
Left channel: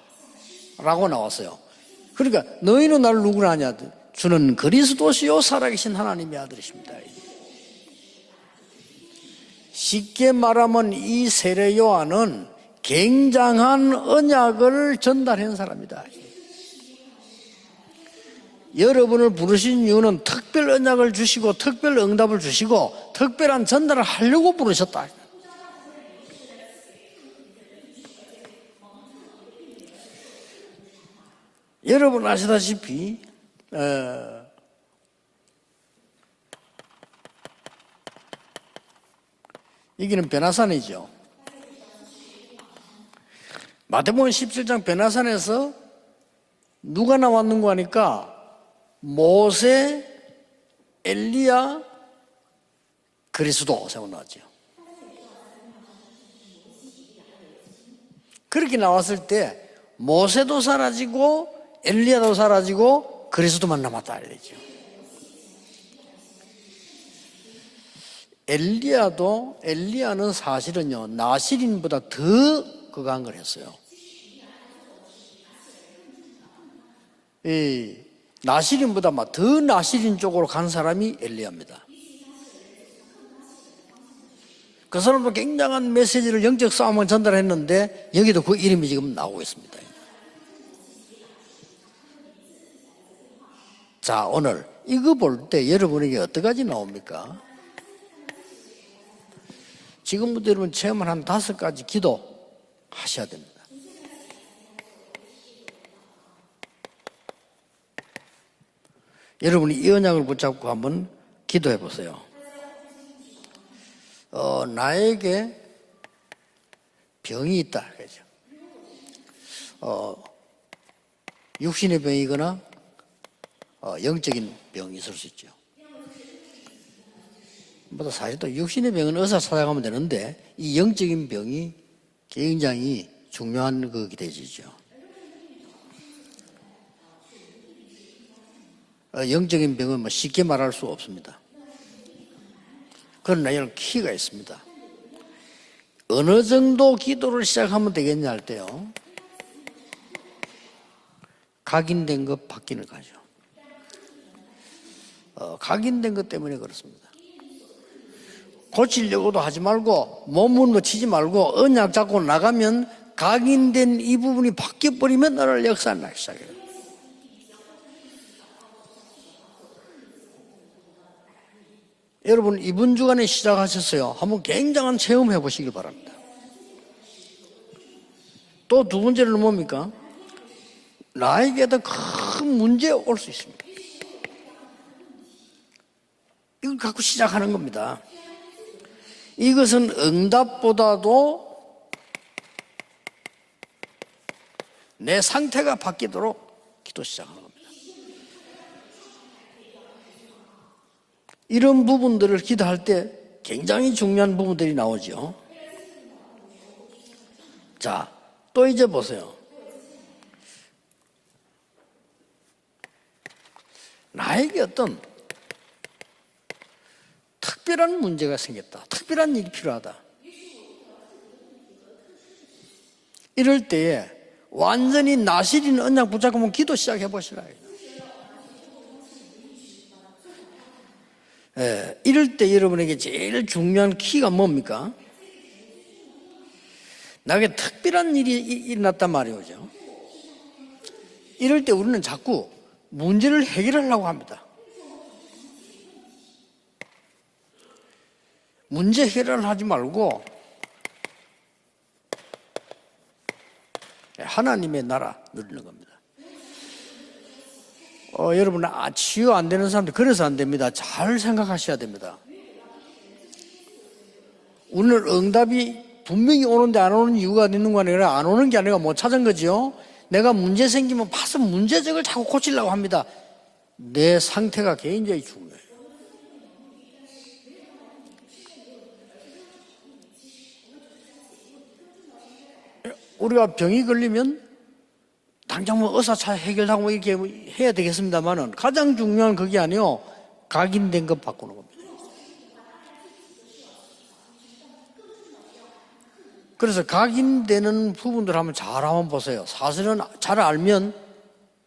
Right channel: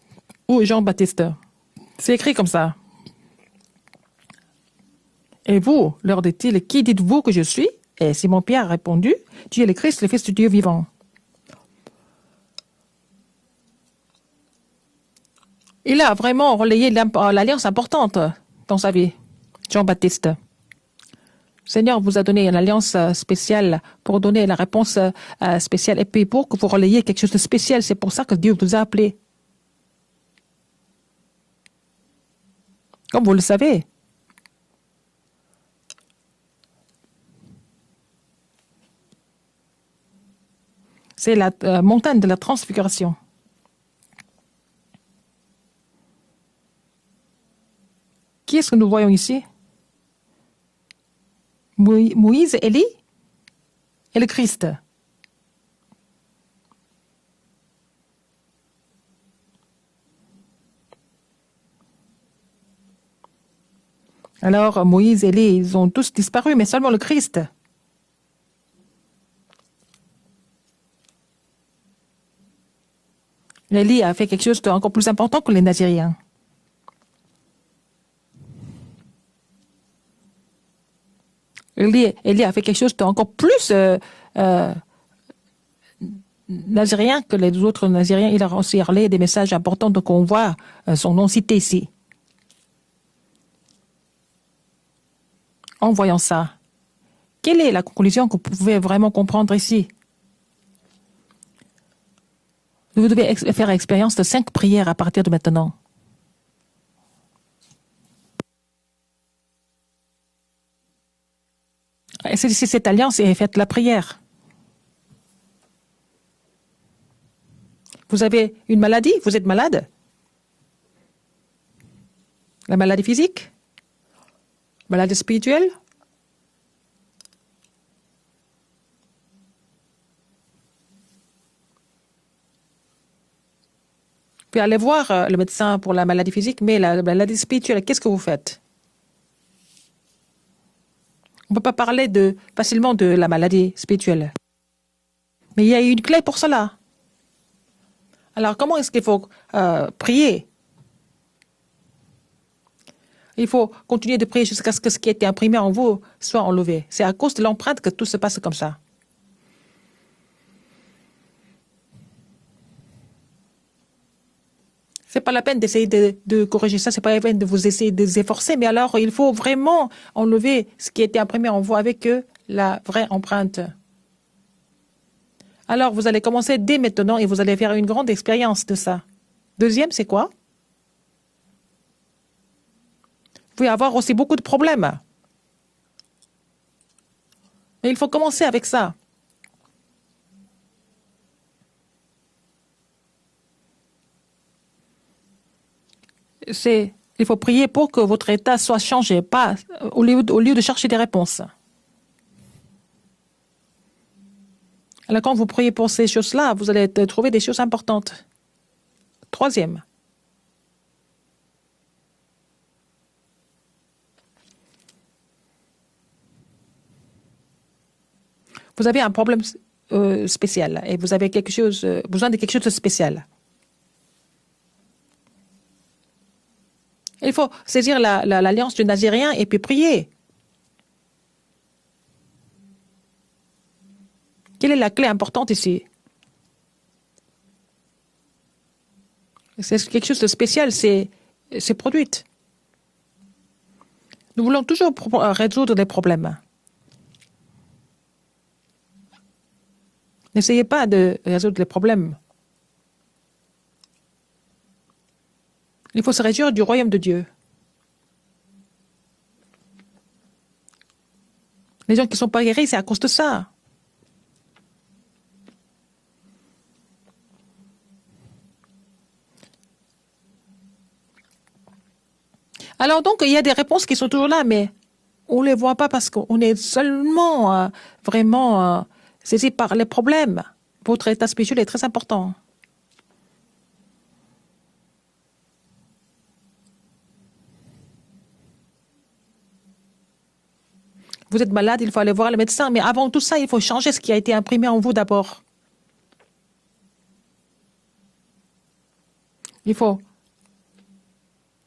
ou 라고 Jean-Baptiste. 나왔어요. C'est écrit comme ça. 너희는 나를 누구라 하냐? 주는 그리스도시요 Et vous, 살아계신 leur 하나님이야. dit-il, qui dites-vous que je suis? Et Simon-Pierre a répondu, tu es le Christ, le Fils 쉽게 du Dieu vivant. 말하면 이 세례 요한은 굉장한 언약을 전달한 사람이에요. Il a vraiment relayé l'alliance importante dans sa vie. 여러분을 부르신 이유는 Jean-Baptiste. 특별 언약을 주시고 특별 Seigneur vous a 응답을 donné une 주시고 alliance 특별한 spéciale 전달을 pour donner la 하려고 réponse 부르셨다. spéciale. Et puis pour que vous relayiez quelque chose de spécial, c'est pour ça que Dieu vous a appelé. 여러분 아시다시피 Comme vous le savez, 여기는 베나산이죠. c'est la montagne de la transfiguration. 마태복음 17장 베나산에서 누가 나왔는고 하니까 Qui est-ce que nous voyons ici? 모세, 엘리야, Moïse, Élie 그리스도 세운다. et le Christ. 그렇게 나왔을 때 모세도 사라지고 엘리야도 사라지고 그리스도만 남았다. Alors Moïse, Élie, ils ont tous disparu, mais seulement le Christ. 엘리야는 사실은요 나시린보다 더 그거 한 걸 했어요. Élie a fait quelque chose d'encore plus important que les Nazyriens. 이 나시린보다 막 더 나시린 쪽으로 간 사람이 엘리야입니다. Élie a fait quelque chose d'encore plus 그 사람도 굉장한 메시지를 영적 싸움을 nazérien que les 전달했는데 autres Nazyriens. Il 여기도 a 그 aussi parlé des 이름이 messages 나오고. importants, donc on voit son nom cité ici. 자 오늘 이거 볼 때 En 여러분이 voyant ça, 어디까지 나옵니까? quelle est la conclusion que vous pouvez vraiment comprendre ici? 지금부터 여러분 체험을 한 5가지 기도. Vous devez faire expérience de 5 prières à partir de maintenant. 여러분이 이 언약을 붙잡고 한번 기도해 보세요. Saisissez cette alliance et faites la prière. 나에게 병이 있다. Vous avez une maladie, vous êtes malade, 육신의 병이거나 la maladie physique, 영적인 병. maladie spirituelle. 보다 사실 또 육신의 병은 의사 찾아가면 되는데 이 영적인 병이 굉장히 중요한 거기 되지. Puis allez voir le médecin pour la maladie physique, mais la maladie spirituelle, qu'est-ce que vous faites? 영적인 병은 뭐 쉽게 말할 수 없습니다. On ne peut pas parler facilement de la 그러나 maladie 키가 spirituelle. 있습니다. Mais il y a une clé pour 어느 cela. 정도 기도를 시작하면 되겠냐 할 Alors 때 comment est-ce qu'il faut prier? 각인된 것 바뀌는 거죠. Il faut continuer de prier jusqu'à ce que ce qui a été imprimé en vous 각인된 것 soit 때문에 enlevé. C'est à cause de l'empreinte que tout se passe comme ça. 고치려고도 하지 말고 몸을 치지 말고 언약 잡고 나가면 각인된 이 부분이 바뀌어 C'est 버리면 pas la peine 나를 d'essayer 역사하는 de corriger ça, c'est pas la peine de vous essayer de vous efforcer, mais alors il faut vraiment enlever ce qui a été imprimé en vous avec 여러분 la 이번 vraie 주간에 empreinte. 시작하셨어요. 한번 굉장한 체험해 보시기 바랍니다. Alors vous allez commencer dès maintenant et vous allez faire une grande expérience de ça. 또 두 번째는 뭡니까? Deuxième, c'est quoi? 나에게도 큰 문제 올 수 있습니다. Vous pouvez avoir aussi beaucoup de problèmes. 이걸 갖고 시작하는 겁니다. Mais il faut commencer avec ça. 이것은 응답보다도 내 상태가 바뀌도록 Il faut prier pour que votre état soit changé, pas au lieu de chercher des réponses. 이런 부분들을 기도할 때 굉장히 중요한 부분들이 나오죠. Alors, quand vous priez pour ces choses-là, vous allez trouver des choses 자, importantes. 또 이제 보세요. Troisième, 나에게 어떤 특별한 문제가 생겼다. vous avez un 특별한 problème 일이 필요하다. spécial et vous avez besoin de quelque chose de spécial. 이럴 때에 완전히 나시린 언약 붙잡고 기도 시작해 Il 보시죠. faut saisir l'alliance du Nazérien et puis prier. 이럴 때 여러분에게 제일 중요한 키가 뭡니까? Quelle est la clé importante ici? 나에게 특별한 일이 일어났단 말이죠. C'est quelque chose de spécial, c'est 이럴 때 우리는 produit. 자꾸 문제를 해결하려고 합니다. Nous voulons toujours résoudre des problèmes. 문제 해결을 하지 말고 N'essayez pas de résoudre les problèmes. 하나님의 나라 누리는 겁니다. Il faut se réjouir du royaume de Dieu. 여러분 치유 안 되는 사람들 그래서 안 됩니다. 잘 생각하셔야 Les gens 됩니다. qui ne sont pas guéris, c'est à cause de ça. 오늘 응답이 분명히 오는데 안 오는 이유가 있는 거 아니라 안 오는 게 아니라 못 찾은 거죠. 내가 문제 생기면 봐서 문제적을 자꾸 고치려고 합니다. Alors donc, il y a des réponses qui sont 내 toujours là, mais 상태가 굉장히 on ne les voit pas parce qu'on est seulement vraiment saisi par les problèmes. Votre état spirituel est très important. 우리가 병이 걸리면 당장 뭐 의사 차 해결하고 이렇게 해야 되겠습니다만은 가장 중요한 그게 아니요 각인된 것 Vous êtes malade, il faut aller voir le médecin, mais avant tout ça, il faut changer ce qui a été imprimé en vous d'abord. 그래서 각인되는 부분들 한번 잘 한번 보세요. 사실은 잘 알면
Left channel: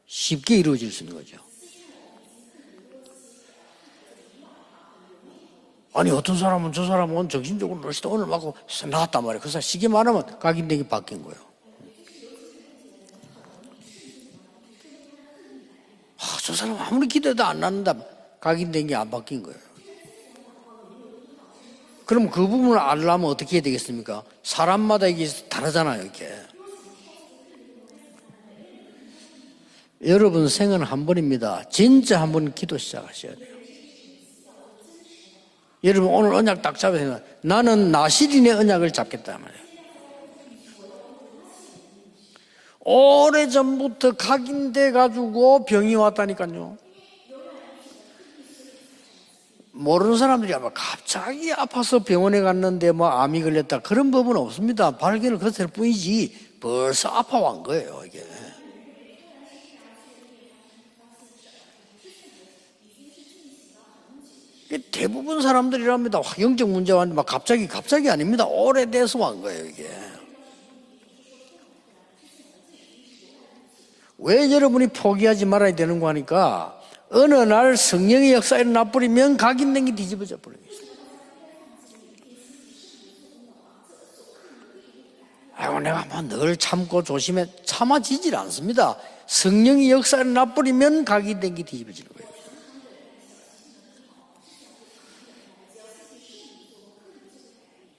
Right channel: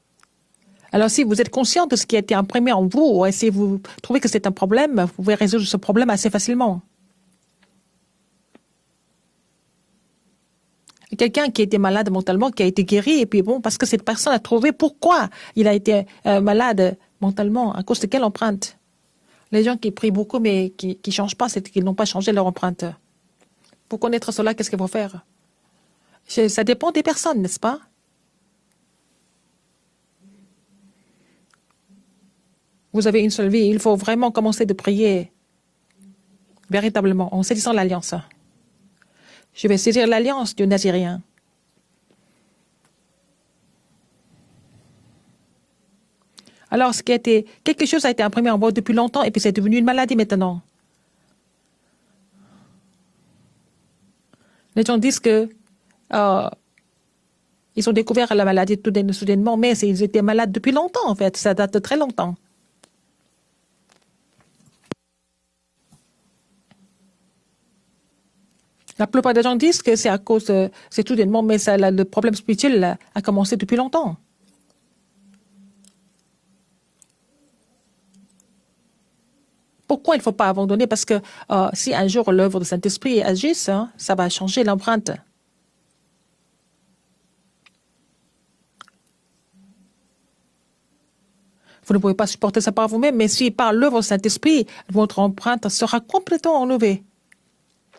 쉽게 이루어질 수 Alors, 있어요. si vous êtes conscient de ce qui a été imprimé en vous, et si vous trouvez que c'est un problème, vous pouvez résoudre ce problème 아니, assez 어떤 사람은 facilement. 저 사람은 정신적으로 늘시다 오늘 막 나왔단 말이에요. 그래서 쉽게 말하면 각인되기 바뀐 거예요. Quelqu'un qui était malade mentalement, qui a été guéri, et puis bon, parce que cette personne a trouvé pourquoi il a été malade 아무리 기도해도 안 mentalement, à 납니다. cause de quelle empreinte. 각인된 게 안 바뀐 거예요. Les gens qui prient beaucoup mais qui ne changent pas, c'est qu'ils n'ont pas 그럼 changé 그 leur 부분을 empreinte. 알려면 어떻게 해야 되겠습니까? Pour connaître cela, qu'est-ce qu'ils vont 사람마다 faire? 이게 다르잖아요. 이렇게. Ça dépend des personnes, n'est-ce pas? 여러분 생은 한 번입니다. 진짜 한 번 기도 시작. Vous avez une seule vie, il faut vraiment commencer de prier. 여러분 오늘 언약 딱 잡아요. Véritablement, on sait sans 나는 l'alliance. 나시린의 언약을 잡겠다. 말이에요. Je vais saisir l'alliance du Nazirien. 오래전부터 각인돼 가지고 병이 왔다니까요. Alors, quelque chose a été imprimé en moi depuis longtemps et puis c'est devenu une maladie 모르는 maintenant. 사람들이 아마 갑자기 아파서 병원에 갔는데 뭐 암이 걸렸다 그런 법은 없습니다. Les gens disent 발견을 que, 했을 뿐이지 벌써 아파온 거예요. Ils ont découvert la maladie soudainement, mais ils étaient malades depuis longtemps en fait, ça date de très longtemps. 대부분 사람들이랍니다. 영적 문제가 왔는데 막 갑자기 아닙니다. La 오래돼서 plupart des gens disent que c'est à cause, c'est soudainement, mais le problème spirituel a commencé depuis longtemps. 왜 여러분이 포기하지 말아야 되는 거 하니까 어느 날 성령의 역사에 일어나버리면 각인된 게 Pourquoi il ne faut 뒤집어져. pas abandonner? Parce que si un jour l'œuvre du Saint-Esprit agisse, ça va changer l'empreinte. 아이고 내가 뭐 늘 참고 조심해 참아지질 않습니다. 성령의 역사에 일어나버리면 각인된 게 뒤집어져. Vous ne pouvez pas supporter ça par vous-même, mais si par l'œuvre du Saint-Esprit, votre empreinte sera complètement enlevée.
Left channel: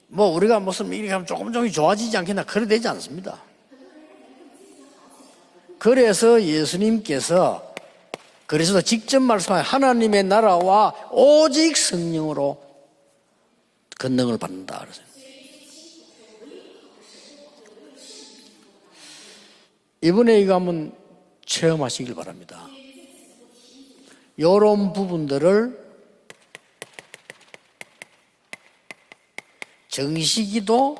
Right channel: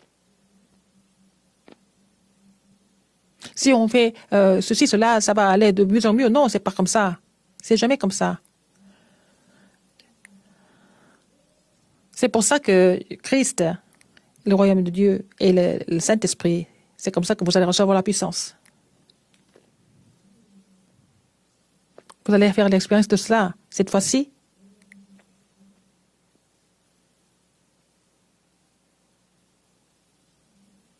뭐 우리가 무슨 이렇게 하면 조금 좋아지지 않겠나 그래 되지 않습니다. Si on fait ceci, cela, ça va aller de mieux en mieux. Non, c'est pas comme ça. C'est jamais comme ça. 그래서 직접 말씀하신 하나님의 나라와 오직 C'est 성령으로 pour ça que Christ, 권능을 le royaume de 받는다. Dieu et le Saint-Esprit, c'est comme ça que vous allez recevoir la puissance. 이번에 이거 한번 체험하시길 Vous 바랍니다. allez faire l'expérience de cela. Cette fois-ci, 이런 부분들을 정시기도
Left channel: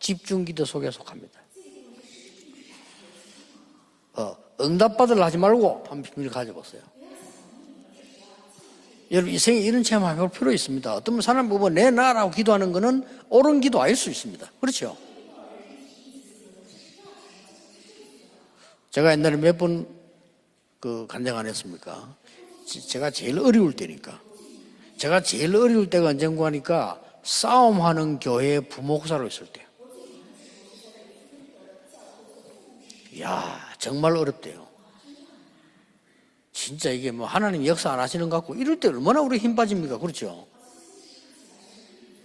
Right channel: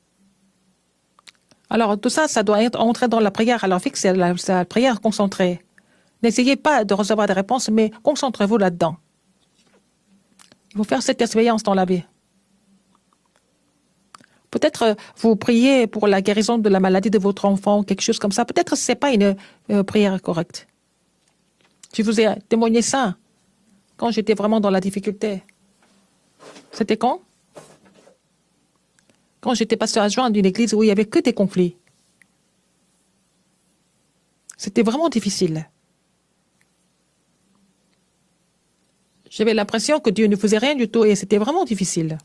집중기도 속에 속합니다. alors tout ça, ça doit entrer dans la prière. Alors fixez la prière 응답받으려 하지 concentrée. 말고 한 N'essayez pas de recevoir des réponses, mais concentrez-vous là-dedans. 여러분 이 생에 이런 체험 해볼 필요 있습니다. Vous faire cette 어떤 사람 expérience 보고 dans la 내 vie. 나라고 기도하는 거는 옳은 기도 아닐 수 있습니다. Peut-être vous priez pour la guérison de la maladie de votre enfant, quelque chose comme ça. Peut-être ce n'est pas une prière correcte. 그 간증 안 했습니까? Je vous ai témoigné 제가 ça 제일 어려울 때니까. quand j'étais vraiment dans la 제가 difficulté. 제일 어려울 때가 언젠가 하니까 C'était quand? 싸움하는 교회 부목사로 있어요. Quand j'étais pasteur adjoint d'une église où il n'y avait que des conflits. 야 정말 어렵대요. C'était vraiment difficile. 진짜 이게 뭐 하나님 역사 안 하시는 것 같고 이럴 때 얼마나 우리 J'avais 힘 l'impression 빠집니까? que Dieu ne 그렇죠? faisait rien du tout et c'était vraiment difficile.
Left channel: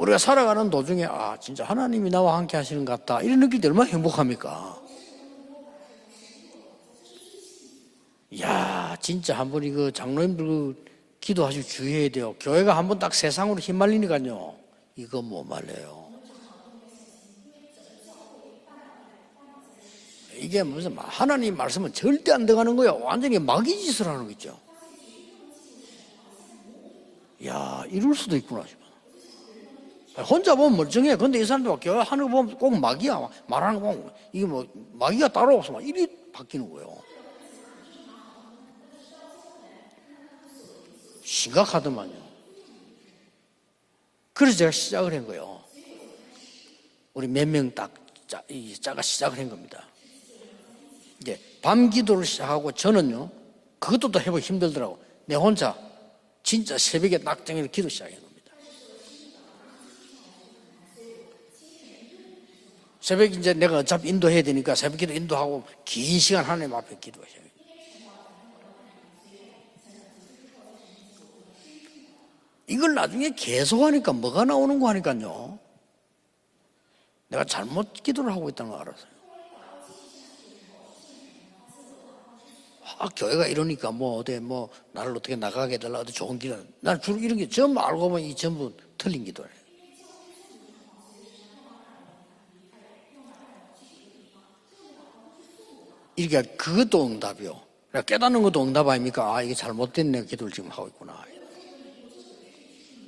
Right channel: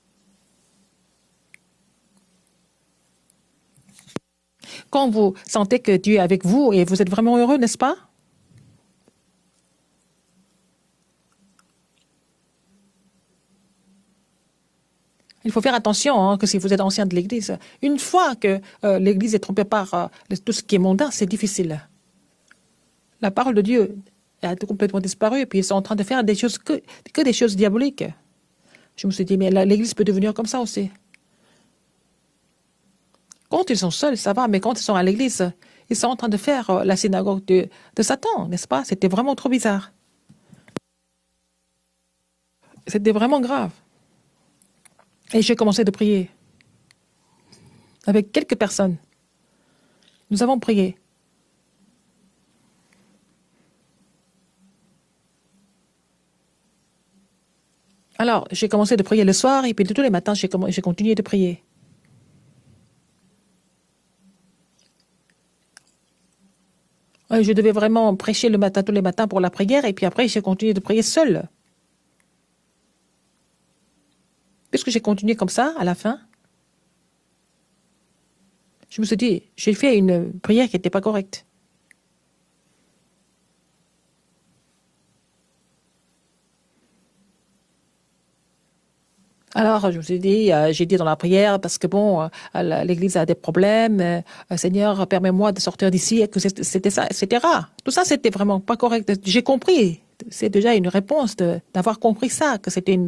우리가 살아가는 도중에 아 진짜 하나님이 나와 함께 하시는 것 같다 이런 느낄 때 얼마나 행복합니까? Quand vous sentez que Dieu est avec vous et vous êtes vraiment heureux, n'est-ce pas? 야 진짜 한번 이거 장로님들 그 기도하시고 주의해야 돼요. 교회가 한번 딱 세상으로 휘말리니까요. 이거 뭐 Il faut faire attention que si vous êtes ancien de l'Église, une fois que l'Église est trompée par tout ce qui est mondain, c'est 하나님 difficile. 말씀은 절대 안 돼가는 거예요. La 완전히 parole de Dieu 마귀 짓을 하는 거 있죠. a complètement disparu et puis ils sont en train de faire des choses que des choses diaboliques. 이럴 수도 있구나. Je me suis dit, mais l'Église peut devenir comme 혼자 ça 보면 aussi. 멀쩡해. 근데 이 사람들 교회 하는 거 보면 꼭 마귀야. Quand ils sont seuls, ça va, mais quand ils sont à l'Église, ils sont en train de faire la synagogue de Satan, n'est-ce pas? C'était vraiment trop bizarre. 심각하더만요. C'était vraiment grave. 그래서 제가 시작을 한 Et 거예요. j'ai commencé de prier. 우리 몇 명 딱 Avec quelques personnes. 제가 시작을 한 겁니다. Nous avons prié. 이제 밤 기도를 시작하고 저는요 그것도 또 해보기 힘들더라고. 내 혼자 진짜 새벽에 낙정해서 기도 시작해요. Alors, j'ai commencé de prier le soir et puis tous les matins, j'ai continué de prier. 새벽 이제 내가 어차피 인도해야 되니까 새벽기도 인도하고 긴 시간 하나님 앞에 기도해. Je devais vraiment prêcher le matin, tous les matins pour la prière et puis après, j'ai continué de prier seul. 이걸 나중에 계속하니까 뭐가 나오는 Puisque j'ai continué 거니까요. comme ça, à la fin, 내가 잘못 기도를 하고 있다는 거 알아. je me suis dit, j'ai fait une prière qui n'était pas correcte. 아, 교회가 이러니까 뭐 어디 뭐 나를 어떻게 나가게 해달라 어디 좋은 기도. 난 주로 이런 게 전부 알고 보면 이 전부 틀린 기도예요. Alors, je me suis dit, j'ai dit dans la prière, parce que bon, l'Église a des problèmes, Seigneur, permets-moi de sortir d'ici, et que c'était ça, etc. Tout ça, c'était vraiment pas correct. J'ai compris. C'est déjà une réponse d'avoir compris ça, que c'était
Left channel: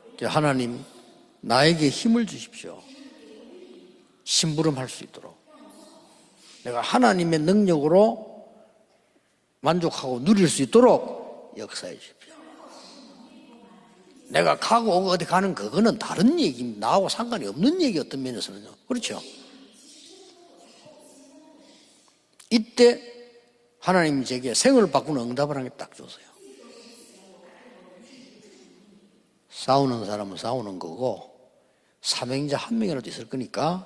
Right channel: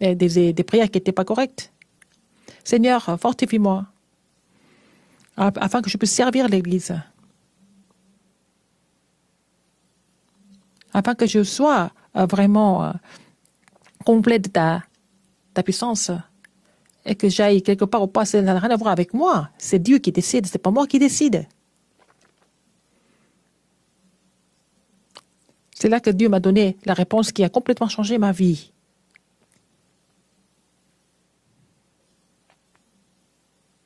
des prières qui n'étaient pas correctes. 나에게 힘을 주십시오. Seigneur, fortifie-moi, 심부름할 수 있도록. afin que je puisse servir 내가 l'Église, 하나님의 능력으로 만족하고 누릴 수 있도록. afin que je sois vraiment complète 내가 가고 오고 어디 가는 ta 그거는 puissance. 다른 얘기 나하고 et que j'aille quelque part ou pas, ça n'a rien à voir avec moi. C'est Dieu qui décide, c'est pas moi qui décide. 이때 하나님이 제게 생을 바꾸는 응답을 하겠다. C'est là que Dieu m'a donné la réponse qui a complètement changé ma vie. 싸우는 사람은 싸우는 거고 사명자 한 명이라도 있을 거니까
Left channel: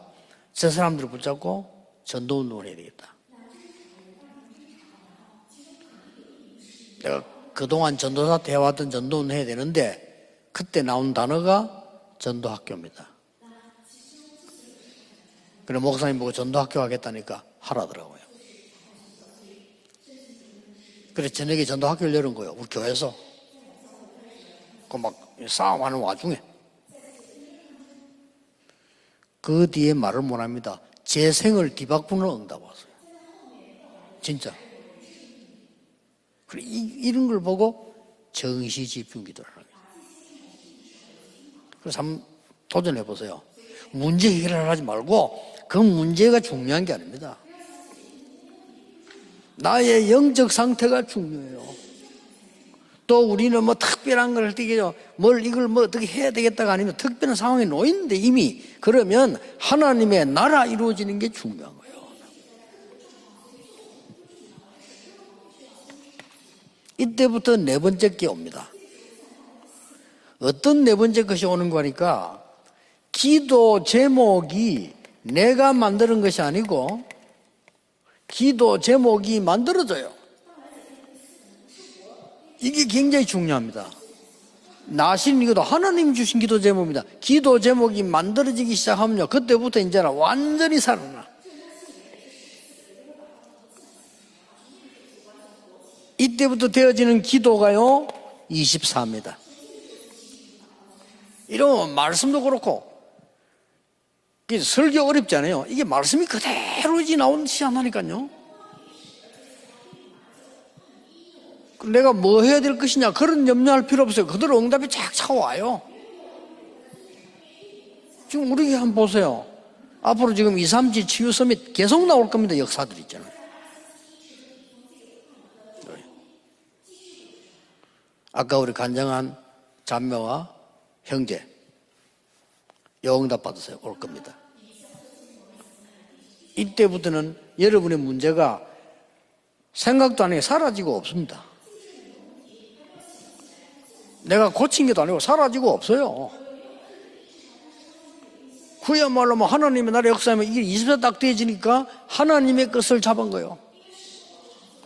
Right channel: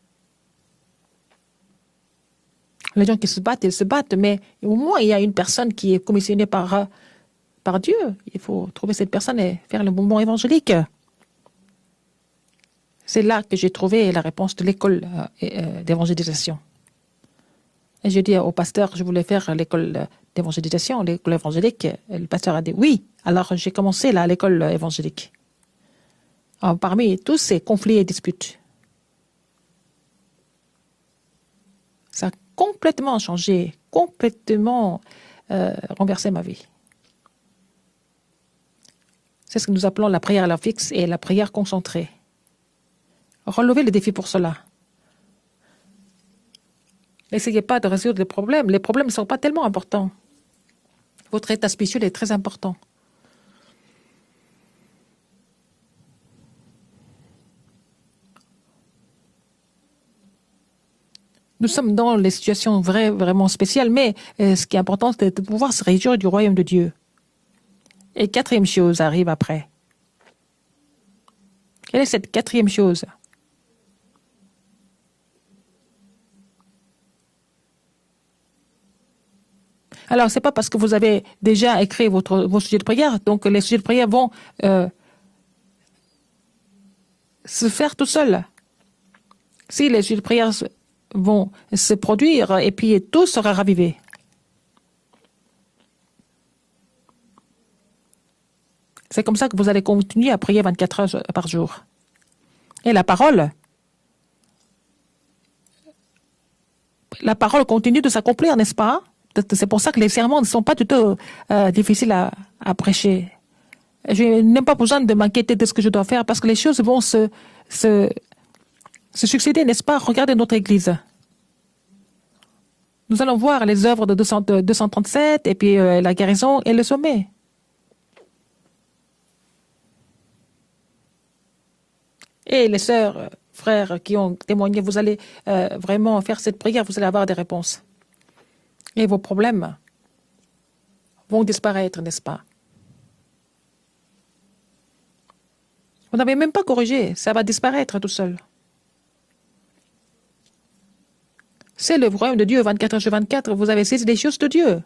저 사람들을 붙잡고 전도운동을 해야 돼요. Les gens qui se battent, ils se battent, mais au moins il y a une personne qui est commissionnée par 내가 Dieu. 그동안 전도사 Il faut 대화든 trouver cette 전도는 personne 해야 et faire 되는데 le mouvement évangélique. 그때 나온 단어가 전도학교입니다. C'est là que j'ai trouvé la réponse de l'école 그래서 목사님 보고 d'évangélisation. 전도학교 하겠다니까 하라더라고요. Et j'ai dit au pasteur, je voulais faire l'école d'évangélisation, l'école 그래, 저녁에 évangélique. 전도학교를 Le 열은 pasteur a 거예요, dit 그 oui. 교회에서. Alors j'ai commencé là, à l'école évangélique. 막 싸움하는 와중에 Parmi tous ces conflits et disputes, 그 뒤에 말을 못합니다. 제 생을 뒤바꾸는 ça a 응답. complètement changé, complètement renversé ma vie. 이런 걸 보고 정시 집중기도. C'est ce que nous appelons la prière à l'heure fixe et la prière concentrée. 한번 도전해 보세요. Relevez le défi pour 문제 cela. 해결하지 말고 그 문제가 중요한 게 아닙니다. N'essayez pas de résoudre les problèmes. Les problèmes ne sont pas tellement importants. 나의 영적 상태가 Votre 중요해요. état spirituel est très important. 또 우리는 뭐 특별한 걸 어떻게 뭘 이걸 뭐 어떻게 해야 되겠다가 아니면 특별한 상황에 놓이는데 이미 그러면 하나님의 나라 이루어지는 게 중요해요. Nous sommes dans les situations vraiment spéciales, mais ce qui est important, c'est de pouvoir se réjouir du royaume de Dieu. 이때부터 네 번째 게 Et quatrième chose arrive après. 어떤 네 번째 것이 오는 Quelle est cette 거니까 quatrième chose? 기도 제목이 내가 만드는 것이 아니고 기도 제목이 만들어져요. Alors, c'est pas parce que vous avez déjà écrit vos sujets de prière, donc les sujets de prière vont 나신 이것도 하나님 주신 기도 제목입니다. 기도 Se faire 제목이 tout seul. 만들어지기 시작하면요. 그때부터 si les 이제 sujets de prière 완전히 살아. vont se produire et puis tout sera ravivé. 이때부터 되어지는 기도가요. 24명. C'est comme ça que vous allez continuer à prier 24 heures par jour. 이런 말씀도 그렇고 Et la parole 이게 설교 어렵지 않아요. 이게 말씀이 그대로 이제 La 나오는 parole continue de 시험하니까요. s'accomplir, n'est-ce pas? C'est pour ça que les sermons ne sont pas du tout difficiles 내가 뭐 해야 à 될 prêcher. 것이냐 그런 염려할 필요 Je 없어요. 그대로 n'ai pas 응답이 besoin de 쫙 m'inquiéter de ce que 차와요. je dois faire parce que les choses vont se 지금 우리 한번 보세요. succéder, n'est-ce pas? 앞으로 Regardez notre 지금 église. 237 치유 서밋 계속 나올 겁니다. 역사들이. Nous allons voir les œuvres de 237 et puis la guérison et le sommet. 아까 우리 간증한 자매와 형제 Et les sœurs, 영답받으세요. frères qui ont témoigné, vous allez vraiment faire cette prière, vous allez avoir des 이때부터는 réponses. 여러분의 문제가 Et vos problèmes 생각도 안 해 사라지고 없습니다. vont disparaître, n'est-ce pas? 내가 고친 게도 아니고 사라지고 없어요. Vous n'avez même pas corrigé, ça va disparaître tout seul. 그야말로 뭐 하나님의 나라 역사하면 이게 24 딱 되어지니까 C'est le royaume de Dieu 하나님의 24 것을 sur 잡은 24, 거예요. vous avez saisi les choses de Dieu.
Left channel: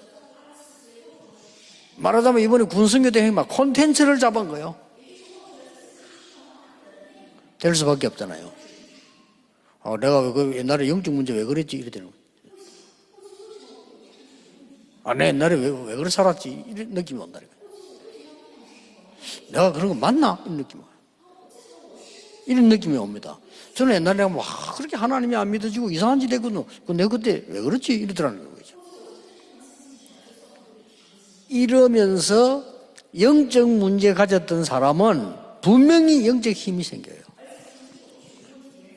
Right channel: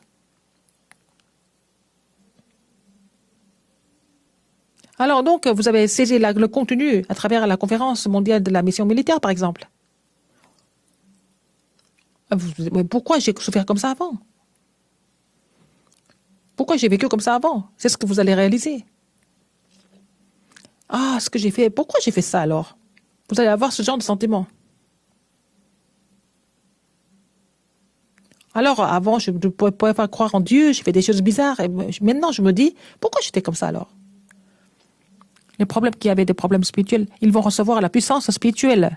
말하자면 이번에 군성교 대회 막 콘텐츠를 잡은 거예요. Alors donc, vous avez saisi le contenu à travers la conférence mondiale de la mission militaire, par exemple. 내가 왜 그 옛날에 영적 문제 왜 그랬지 이래 되는 거. Mais pourquoi j'ai souffert comme ça avant? 내 옛날에 왜 그래 살았지? Pourquoi j'ai vécu comme ça avant? C'est ce que vous allez réaliser. 내가 그런 거 맞나? 이런 느낌. Ah, ce que j'ai fait, pourquoi j'ai fait ça alors? 이런 느낌이 옵니다. Vous allez avoir ce 저는 genre de 옛날에 뭐 sentiment. 그렇게 하나님이 안 믿어지고 이상한 짓 했거든. 내가 그때 왜 그렇지? 이러더라는 거예요. Alors, avant, je ne pouvais pas croire en Dieu, j'ai fait des choses bizarres. Et maintenant, je 이러면서 me dis, pourquoi j'étais comme ça 영적 alors? 문제 가졌던 사람은 Les problèmes qui 분명히 avaient des 영적 problèmes 힘이 spirituels, ils vont recevoir la puissance spirituelle.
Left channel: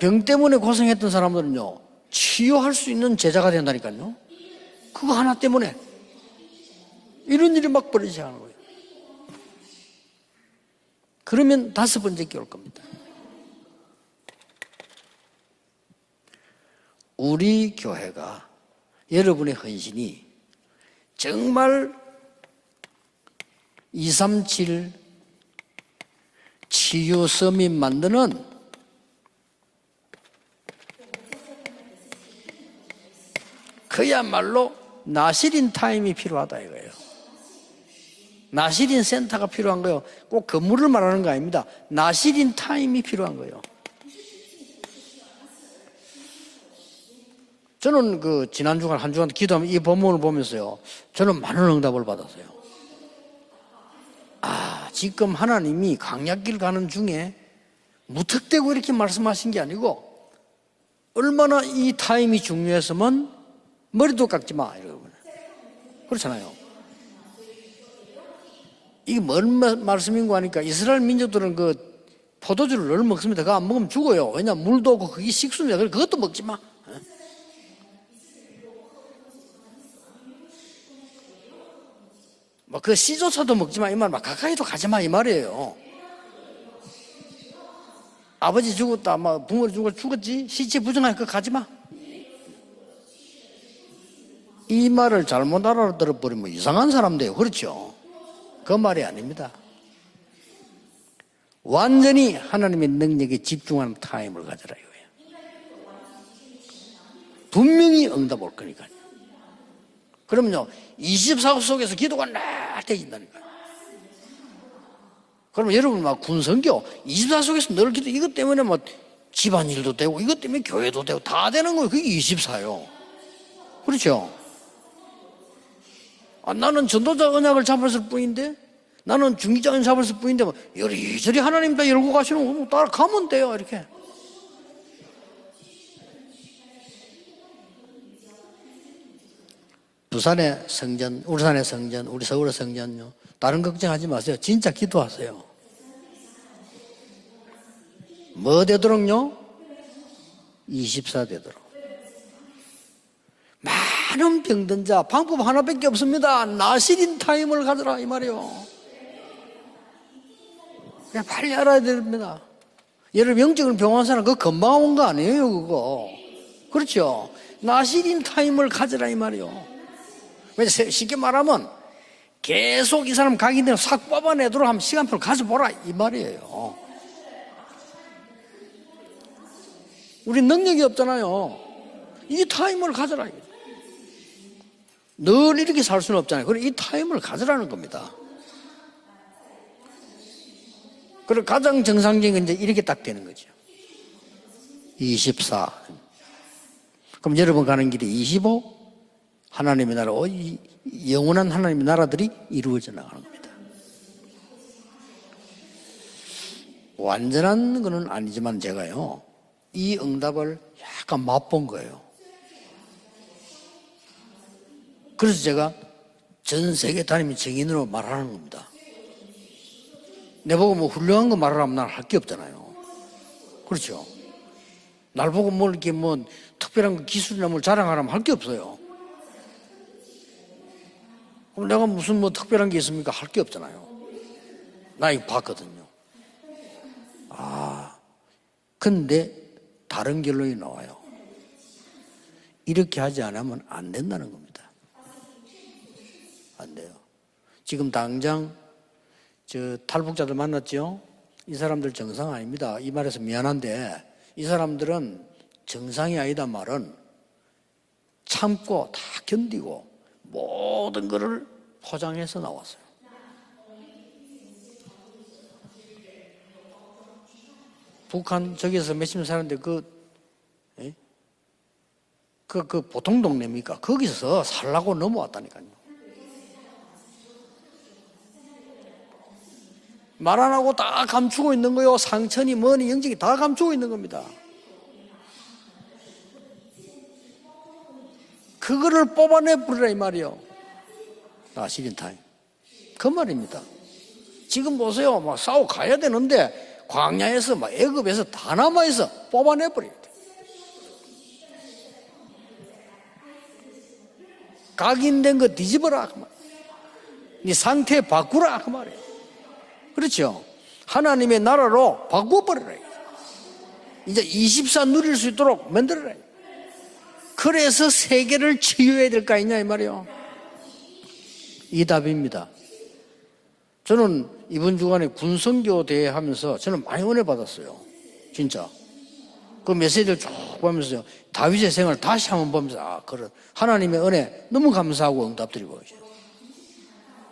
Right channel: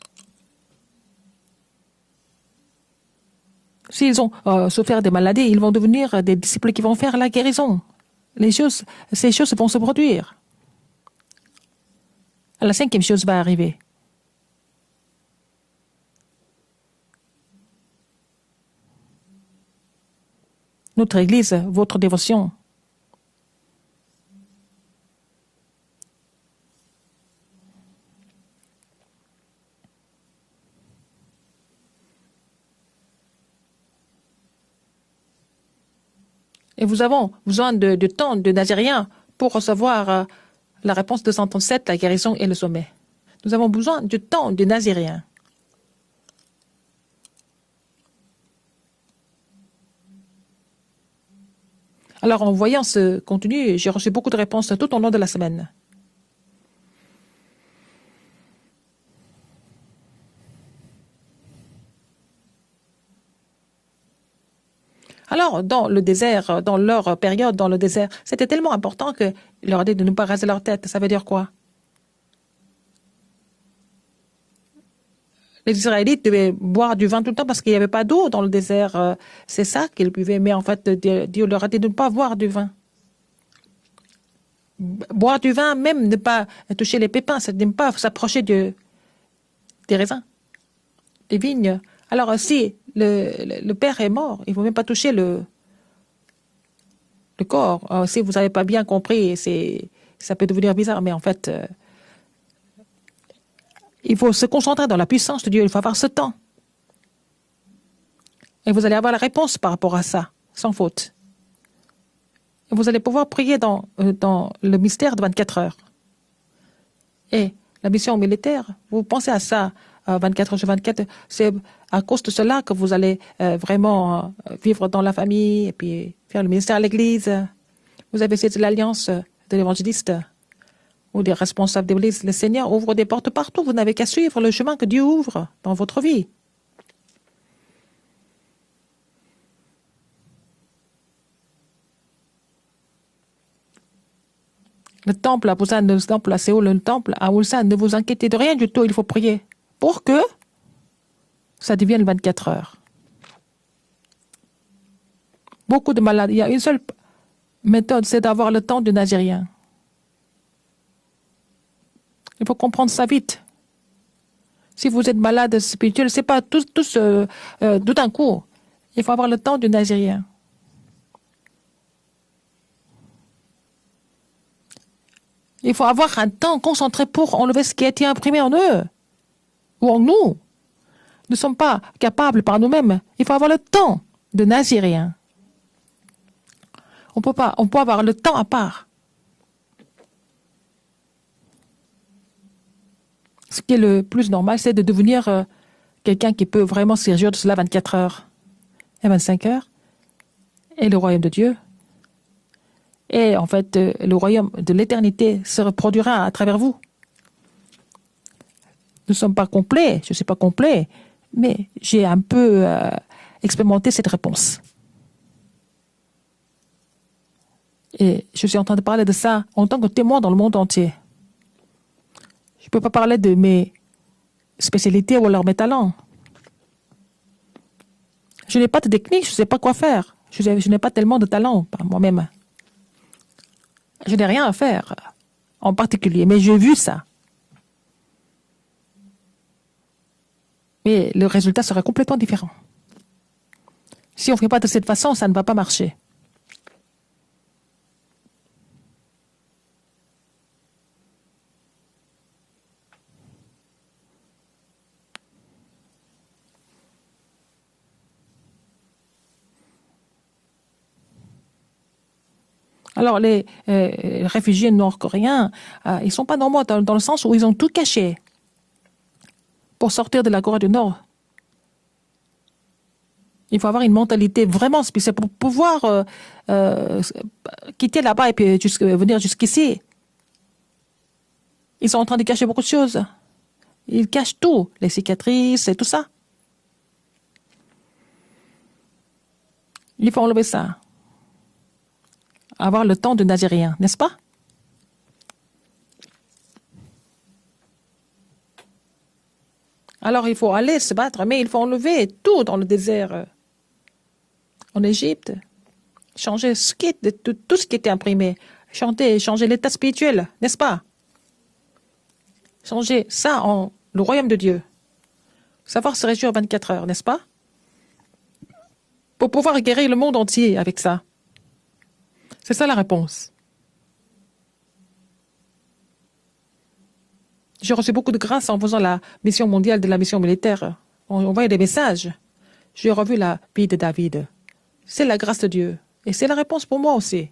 병 때문에 고생했던 사람들은요 치유할 수 있는 제자가 된다니까요. S'ils ont souffert des Voilà, maladies, ils témoin. vont devenir des disciples qui vont faire la 이런 일이 guérison. 막 벌어지지 않아요. Ces choses vont se produire. 그러면 다섯 번째 게 올 겁니다. La cinquième chose va arriver. 우리 교회가 여러분의 헌신이 Notre Église, 정말 votre dévotion, 237 치유 서밋 만드는 그야말로 나시린 타임이 필요하다 et 이거예요. nous avons besoin de temps de Nazériens pour recevoir 꼭 건물을 la 말하는 réponse 거 de 아닙니다. 137, la guérison et 나시린 le sommet. 타임이 필요한 거예요. Nous avons besoin de temps de Nazériens. 저는 그 지난 주간 한 주간 기도하면 이 본문을 보면서요. 저는 많은 응답을 받아요. Alors, en voyant ce contenu, j'ai reçu beaucoup de réponses tout au long de la 지금 semaine. 하나님이 강약길 가는 중에 무턱대고 이렇게 말씀하신 게 아니고 얼마나 이 타임이 중요했으면 머리도 깎지 마. 이러고. Alors, dans le désert, dans leur période dans le désert, c'était tellement important 이게 que 뭔 leur dit de ne pas raser 말씀인가 leur 하니까 tête. Ça 이스라엘 veut dire quoi? 민족들은 그 포도주를 늘 먹습니다. 그거 안 먹으면 죽어요. 왜냐면 물도 없고 그게 식수인데 Les 그것도 Israélites 먹지 devaient 마. boire du vin tout le temps parce qu'il n'y avait pas d'eau dans le désert. C'est ça qu'ils buvaient. Mais en fait, Dieu leur a dit de ne pas boire du vin. 그 씨조차도 먹지 마. 이 말 막 가까이도 가지 마. 이 Boire du 말이에요. vin, même ne pas toucher les pépins, c'est de ne pas s'approcher 아버지 죽었다. 부모 des 죽었다. raisins. 죽었지. 시체 부정하니까 des 가지 마. vignes. Alors, si le père est mort. Il ne faut même pas 이 toucher 말을 le 잘못 알아들어버리면 이상한 사람 돼요. 그렇죠? corps. Si vous n'avez pas 그 bien 말이 compris, 아닙니다. ça peut devenir bizarre, mais en fait, 완전히 하나님의 능력에 집중하는 il faut se 타임을 concentrer dans la puissance de Dieu. Il faut avoir ce temps. 분명히 응답 올 거예요. Et vous allez avoir la réponse par rapport à ça, 그럼요. sans faute. 24호 속에서 기도가 나. Vous allez pouvoir prier dans le mystère de 24 heures. 그럼 여러분 막 군성교 24 속에서 La 늘 mission 이것 때문에 militaire, 뭐 vous pensez à ça, 집안일도 되고 이것 24 때문에 sur 24. 교회도 되고 다 C'est 되는 거예요. à 그게 cause de cela que 24예요. vous allez vraiment 그렇죠. vivre dans la famille et puis faire le ministère à 나는 l'église. 전도자 언약을 잡았을 Vous avez 뿐인데 cette l'alliance 나는 de 중장을 l'évangéliste 잡았을 뿐인데 뭐 ou de 이리저리 하나님과 responsable de 열고 l'Église. Le 가시는 Seigneur 거 ouvre des 가면 portes 돼요. partout. Vous 이렇게. n'avez qu'à suivre le chemin que Dieu ouvre dans votre vie. 부산의 성전, 울산의 성전, 우리 서울의 성전요. 다른 걱정하지 마세요. 진짜 Le 기도하세요. temple à Busan, le temple à Séoul, le temple à Ulsan, ne vous inquiétez de rien 뭐 du tout. Il faut 되도록요? prier pour que 24 되도록. ça devienne 24 heures. 많은 병든 자 방법 하나밖에 Beaucoup de 없습니다. maladies. Une seule 나시린 타임을 가져라. méthode, c'est d'avoir le temps du Nazérien. 그냥 빨리 알아야 됩니다. Il faut comprendre ça vite. 예를 영적으로 병원 사람 그 금방 Si 온 vous 거 êtes 아니에요. malade 그거. spirituel, c'est pas tout 그렇죠. tout d'un 나시린 coup. 타임을 Il 가져라 faut 이 avoir le temps 말이에요. du Nazérien. 쉽게 말하면 계속 이 사람 가기 전에 싹 뽑아내도록 하면 시간표를 가져보라. Il faut 이 avoir un 말이에요. temps concentré pour enlever ce qui a été imprimé en eux ou en nous. 우리 능력이 없잖아요. Nous ne sommes pas capables 이 par nous-mêmes. 타임을 가져라. Il faut avoir le temps de Nazérien. 늘 이렇게 살 수는 없잖아요. 그래 이 타임을 On 가져라. peut avoir le temps à part. 그래 가장 정상적인 건 이제 이렇게 딱 되는 거죠. Ce qui est le plus normal, c'est de devenir 24. quelqu'un qui peut vraiment servir 그럼 de cela 여러분 가는 24 길이 heures 25. et 25 heures. 하나님의 나라 이 Et le royaume de 영원한 Dieu. 하나님의 나라들이 이루어져 나가. Et en fait, le royaume de l'éternité se reproduira à travers vous. 완전한 거는 아니지만 제가요. Nous ne sommes pas complets, je ne suis pas complet, 약간 mais 맛본 거예요. j'ai un peu expérimenté cette réponse. 그래서 제가 전 세계 다니면 증인으로 Et 말하는 je suis en train de parler de ça en tant que témoin dans le monde 내가 뭐 entier. 훌륭한 거 말하면 난 할 게 없잖아요. Je ne peux pas parler de mes 그렇죠. spécialités ou alors mes 뭐 talents. 이렇게 뭐 특별한 거 기술이나 뭘 자랑하라면 할 게 Je 없어요. n'ai pas de technique, je ne sais pas quoi faire. Je n'ai pas tellement de talent 내가 무슨 moi-même. 뭐 특별한 게 있습니까? 할 게 없잖아요. Je n'ai rien à faire 나 이거 봤거든. en particulier, mais j'ai vu ça. 근데 다른 결론이 나와요. Mais le résultat serait complètement différent. 이렇게 하지 않으면 안 된다는 Si on ne fait pas de cette façon, ça ne va pas marcher. 안 돼요. 지금 당장 저 탈북자들 만났죠? 이 사람들 정상 아닙니다. 이 말에서 미안한데 이 사람들은 정상이 아니다 말은 참고 다 견디고 모든 것을 포장해서 나왔어요. Alors, les réfugiés nord-coréens, ils ne sont pas normaux dans le sens où ils ont tout caché 북한 저기서 몇십 년 사는데 pour sortir de la Corée du Nord. 그 보통 동네입니까? Il faut avoir une mentalité 거기서 vraiment 살라고 spéciale pour 넘어왔다는 pouvoir quitter là-bas et puis venir jusqu'ici. 말 안 하고 다 감추고 있는 거예요. Ils sont en train de cacher 상처니 beaucoup de 머리 choses. 인증이 다 감추고 있는 Ils 겁니다. cachent tout, les cicatrices et tout ça. 그거를 뽑아내 버리라 이 Il faut 말이에요. enlever ça. 시린 타임. Avoir le temps de Nazérien, n'est-ce pas? 지금 보세요. 막 싸워 가야 되는데 광야에서 막 애굽에서 다 남아 있어. 뽑아내 버려. Alors il faut aller se battre, mais il faut enlever tout dans le désert. En Égypte, 각인된 거 뒤집어라. changer ce qui est, tout 이 ce qui était 상태 imprimé. 바꾸라. 그 말이에요. Changer l'état spirituel, 그렇죠. n'est-ce pas? 하나님의 나라로 바꿔버려. Changer ça en le royaume de Dieu. 24 누릴 수 있도록 Savoir 만들어. se réjouir 24 heures, n'est-ce pas? 그래서 세계를 치유해야 될 Pour 거 pouvoir 아니냐 이 guérir le 말이에요. monde entier avec ça. 이 답입니다. C'est ça la réponse. 저는 이번 주간에 군선교 대회 하면서 저는 많이 은혜 받았어요. J'ai reçu beaucoup de grâce en 진짜. faisant la mission 그 mondiale de la mission 메시지를 militaire. 보면서 On voyait des 다윗의 생을 messages. 다시 한번 보면서 J'ai revu la vie de 하나님의 David. 은혜 너무 C'est la 감사하고 grâce de Dieu. Et c'est la réponse pour moi aussi.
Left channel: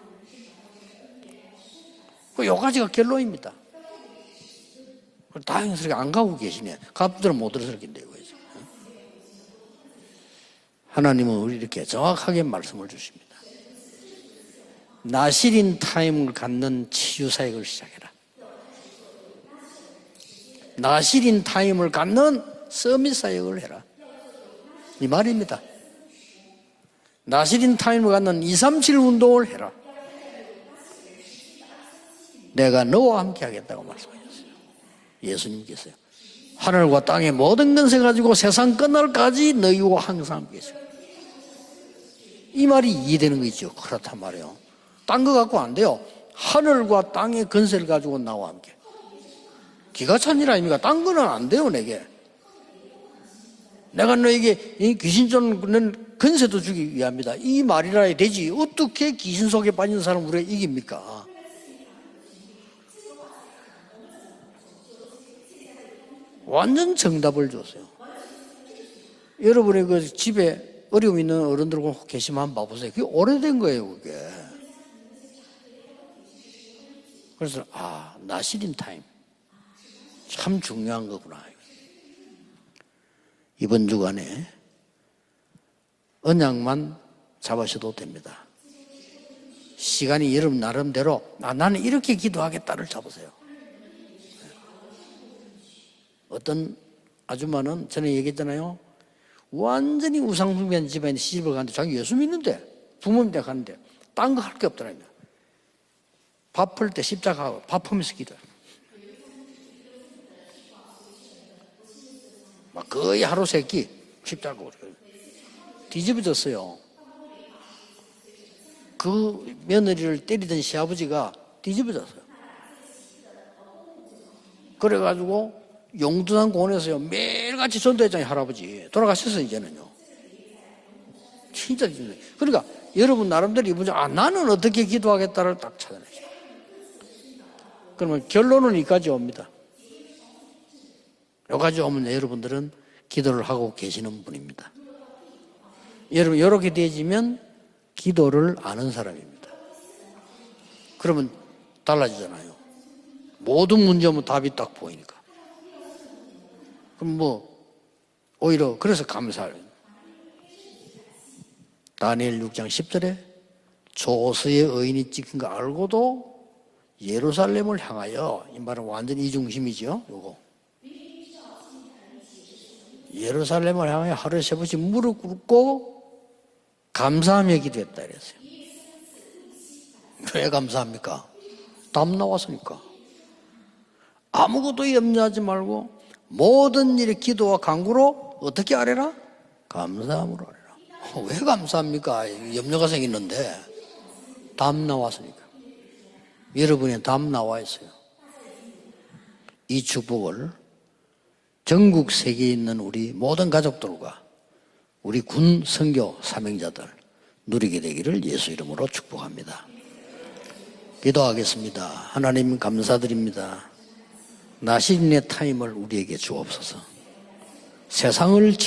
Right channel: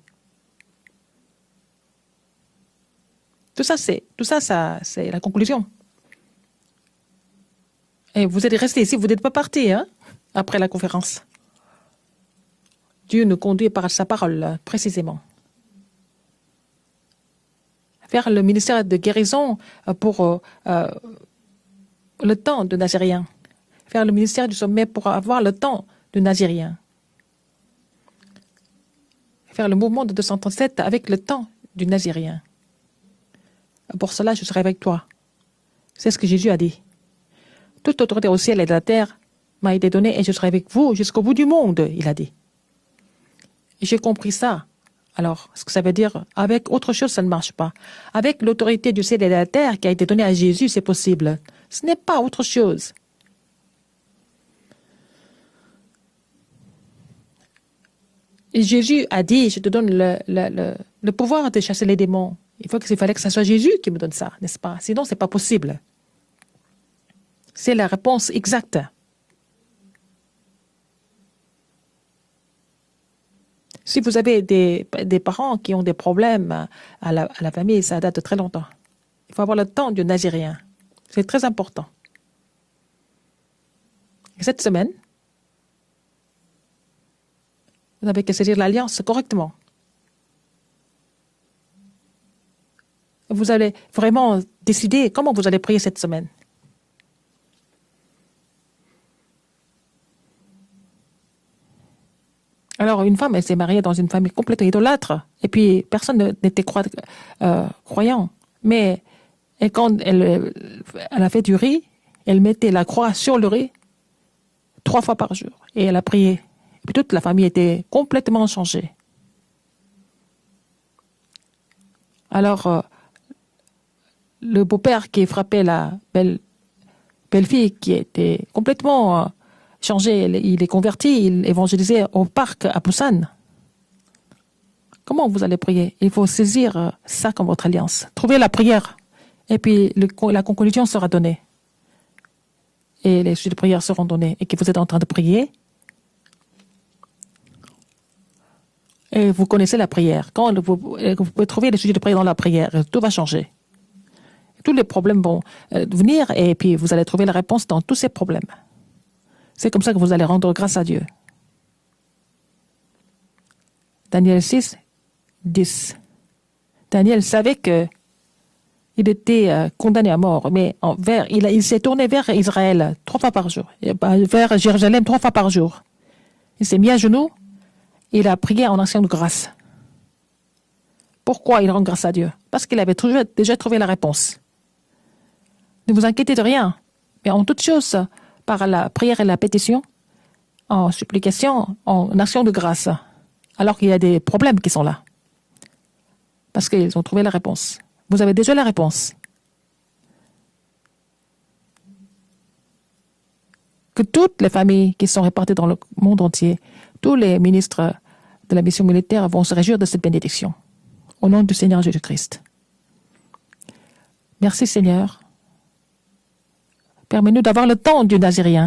그 여기까지가 결론입니다. Tout ça, c'est la conclusion. 다행스럽게 안 가고 계시네. 갑들은 못 들었을 텐데요. Et vous êtes restés ici, vous n'êtes pas partis hein, après la conférence. 하나님은 우리 이렇게 정확하게 말씀을 주시죠. Dieu nous conduit par sa parole, précisément. 나시린 타임을 갖는 치유 사역을 시작해라. Faire le ministère de guérison pour 나시린 타임을 le 갖는 temps de 서밋 Nazérien. 사역을 해라. Faire le ministère du sommet pour 이 avoir le 말입니다. temps de Nazérien. 나시린 타임을 갖는 237 운동을 해라. Faire le mouvement de 237 avec le temps du Nazérien. 내가 너와 함께 하겠다고 말. Pour cela, je serai avec toi. 예수님께서요. C'est ce que Jésus a dit. 하늘과 땅의 모든 Toute 것을 autorité 가지고 au ciel et 세상 de la terre 끝날까지 m'a été 너희와 donnée et je serai 항상. avec vous jusqu'au bout du monde, il a dit. 이 말이 이해되는 거 있죠. J'ai compris ça. 딴거 Alors, 갖고 안 ça 돼요. veut dire, avec autre 하늘과 chose, ça ne 땅의 marche pas. 근세를 가지고 Avec 나와. l'autorité du ciel et de la terre qui a été 기가 donnée à 찬일 Jésus, 아닙니까? c'est 딴 possible. 거는 안 돼요, Ce 내게. n'est pas autre chose. 내가 너에게 이 귀신 쫓는 근세도 주기 위함이다. 이 말이라 되지. Et Jésus 어떻게 a dit, 귀신 je te 속에 donne 빠진 사람 우리에게 이깁니까? le pouvoir de chasser les démons. Il fallait que ça soit Jésus qui me donne ça, n'est-ce pas? Sinon, ce n'est pas possible. 완전 정답을 줘. C'est la réponse exacte. 여러분의 그 집에 어려움 있는 어른들 계시면 한번 봐보세요. 그게 오래된 거예요. Si vous avez des parents qui ont des problèmes à la famille, ça date de très longtemps. 나시린 타임. Il faut avoir le temps du Nazirien. 참 중요한 거. C'est très important. 이번 주간에 Cette semaine, 언약만 잡으셔도 vous 됩니다. n'avez qu'à saisir l'alliance correctement. 시간이 여러분 나름대로 나는 이렇게 기도하겠다를 잡으세요. Vous allez vraiment décider comment vous allez prier cette semaine. 어떤 아줌마는 전에 얘기했잖아요. 완전히 우상숭배한 집안에 시집을 갔는데 자기 예수 믿는데. Alors, une femme, elle s'est mariée dans une famille complètement idolâtre. Et puis, personne n'était croyant. Mais et quand elle a fait du riz, elle mettait la croix sur le riz 3 fois par jour. Et elle a prié. Puis toute la famille était complètement changée. 그 며느리를 때리던 시아버지가 뒤집어졌어요. Alors, le beau-père qui frappait la belle-fille qui est complètement changé, il est converti, il évangélisait au parc à Busan. Comment vous allez prier? Il faut saisir ça comme votre alliance. Trouvez la prière. Et puis la conclusion sera donnée. Et les suites de prière seront données. Et que vous êtes en train de prier. Et vous connaissez la prière. Quand vous pouvez trouver les sujets de prière dans la prière, tout va changer. Tous les problèmes vont venir et puis vous allez trouver la réponse dans tous ces problèmes. C'est comme ça que vous allez rendre grâce à Dieu. Daniel 6, 10. Daniel savait qu'il était condamné à mort, mais il s'est tourné vers Israël 3 fois par jour, vers Jérusalem 3 fois par jour. Il s'est mis à genoux, il a prié en action de grâce. Pourquoi il rend grâce à Dieu? Parce qu'il avait déjà trouvé la réponse. Ne vous inquiétez de rien. Et en toute chose, par la prière et la pétition, en supplication, en action de grâce, alors qu'il y a des problèmes qui sont là. Parce qu'ils ont trouvé la réponse. Vous avez déjà la réponse. Que toutes les familles qui sont réparties dans le monde entier, tous les ministres de la mission militaire vont se réjouir de cette bénédiction. Au nom du Seigneur Jésus-Christ. Merci Seigneur. Permets-nous d'avoir le temps du Nazirien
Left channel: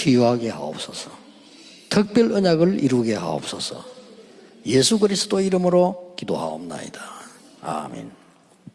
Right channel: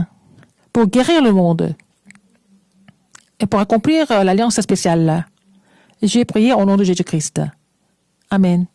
pour guérir le monde et pour accomplir l'alliance spéciale. J'ai prié au nom de Jésus-Christ. Amen.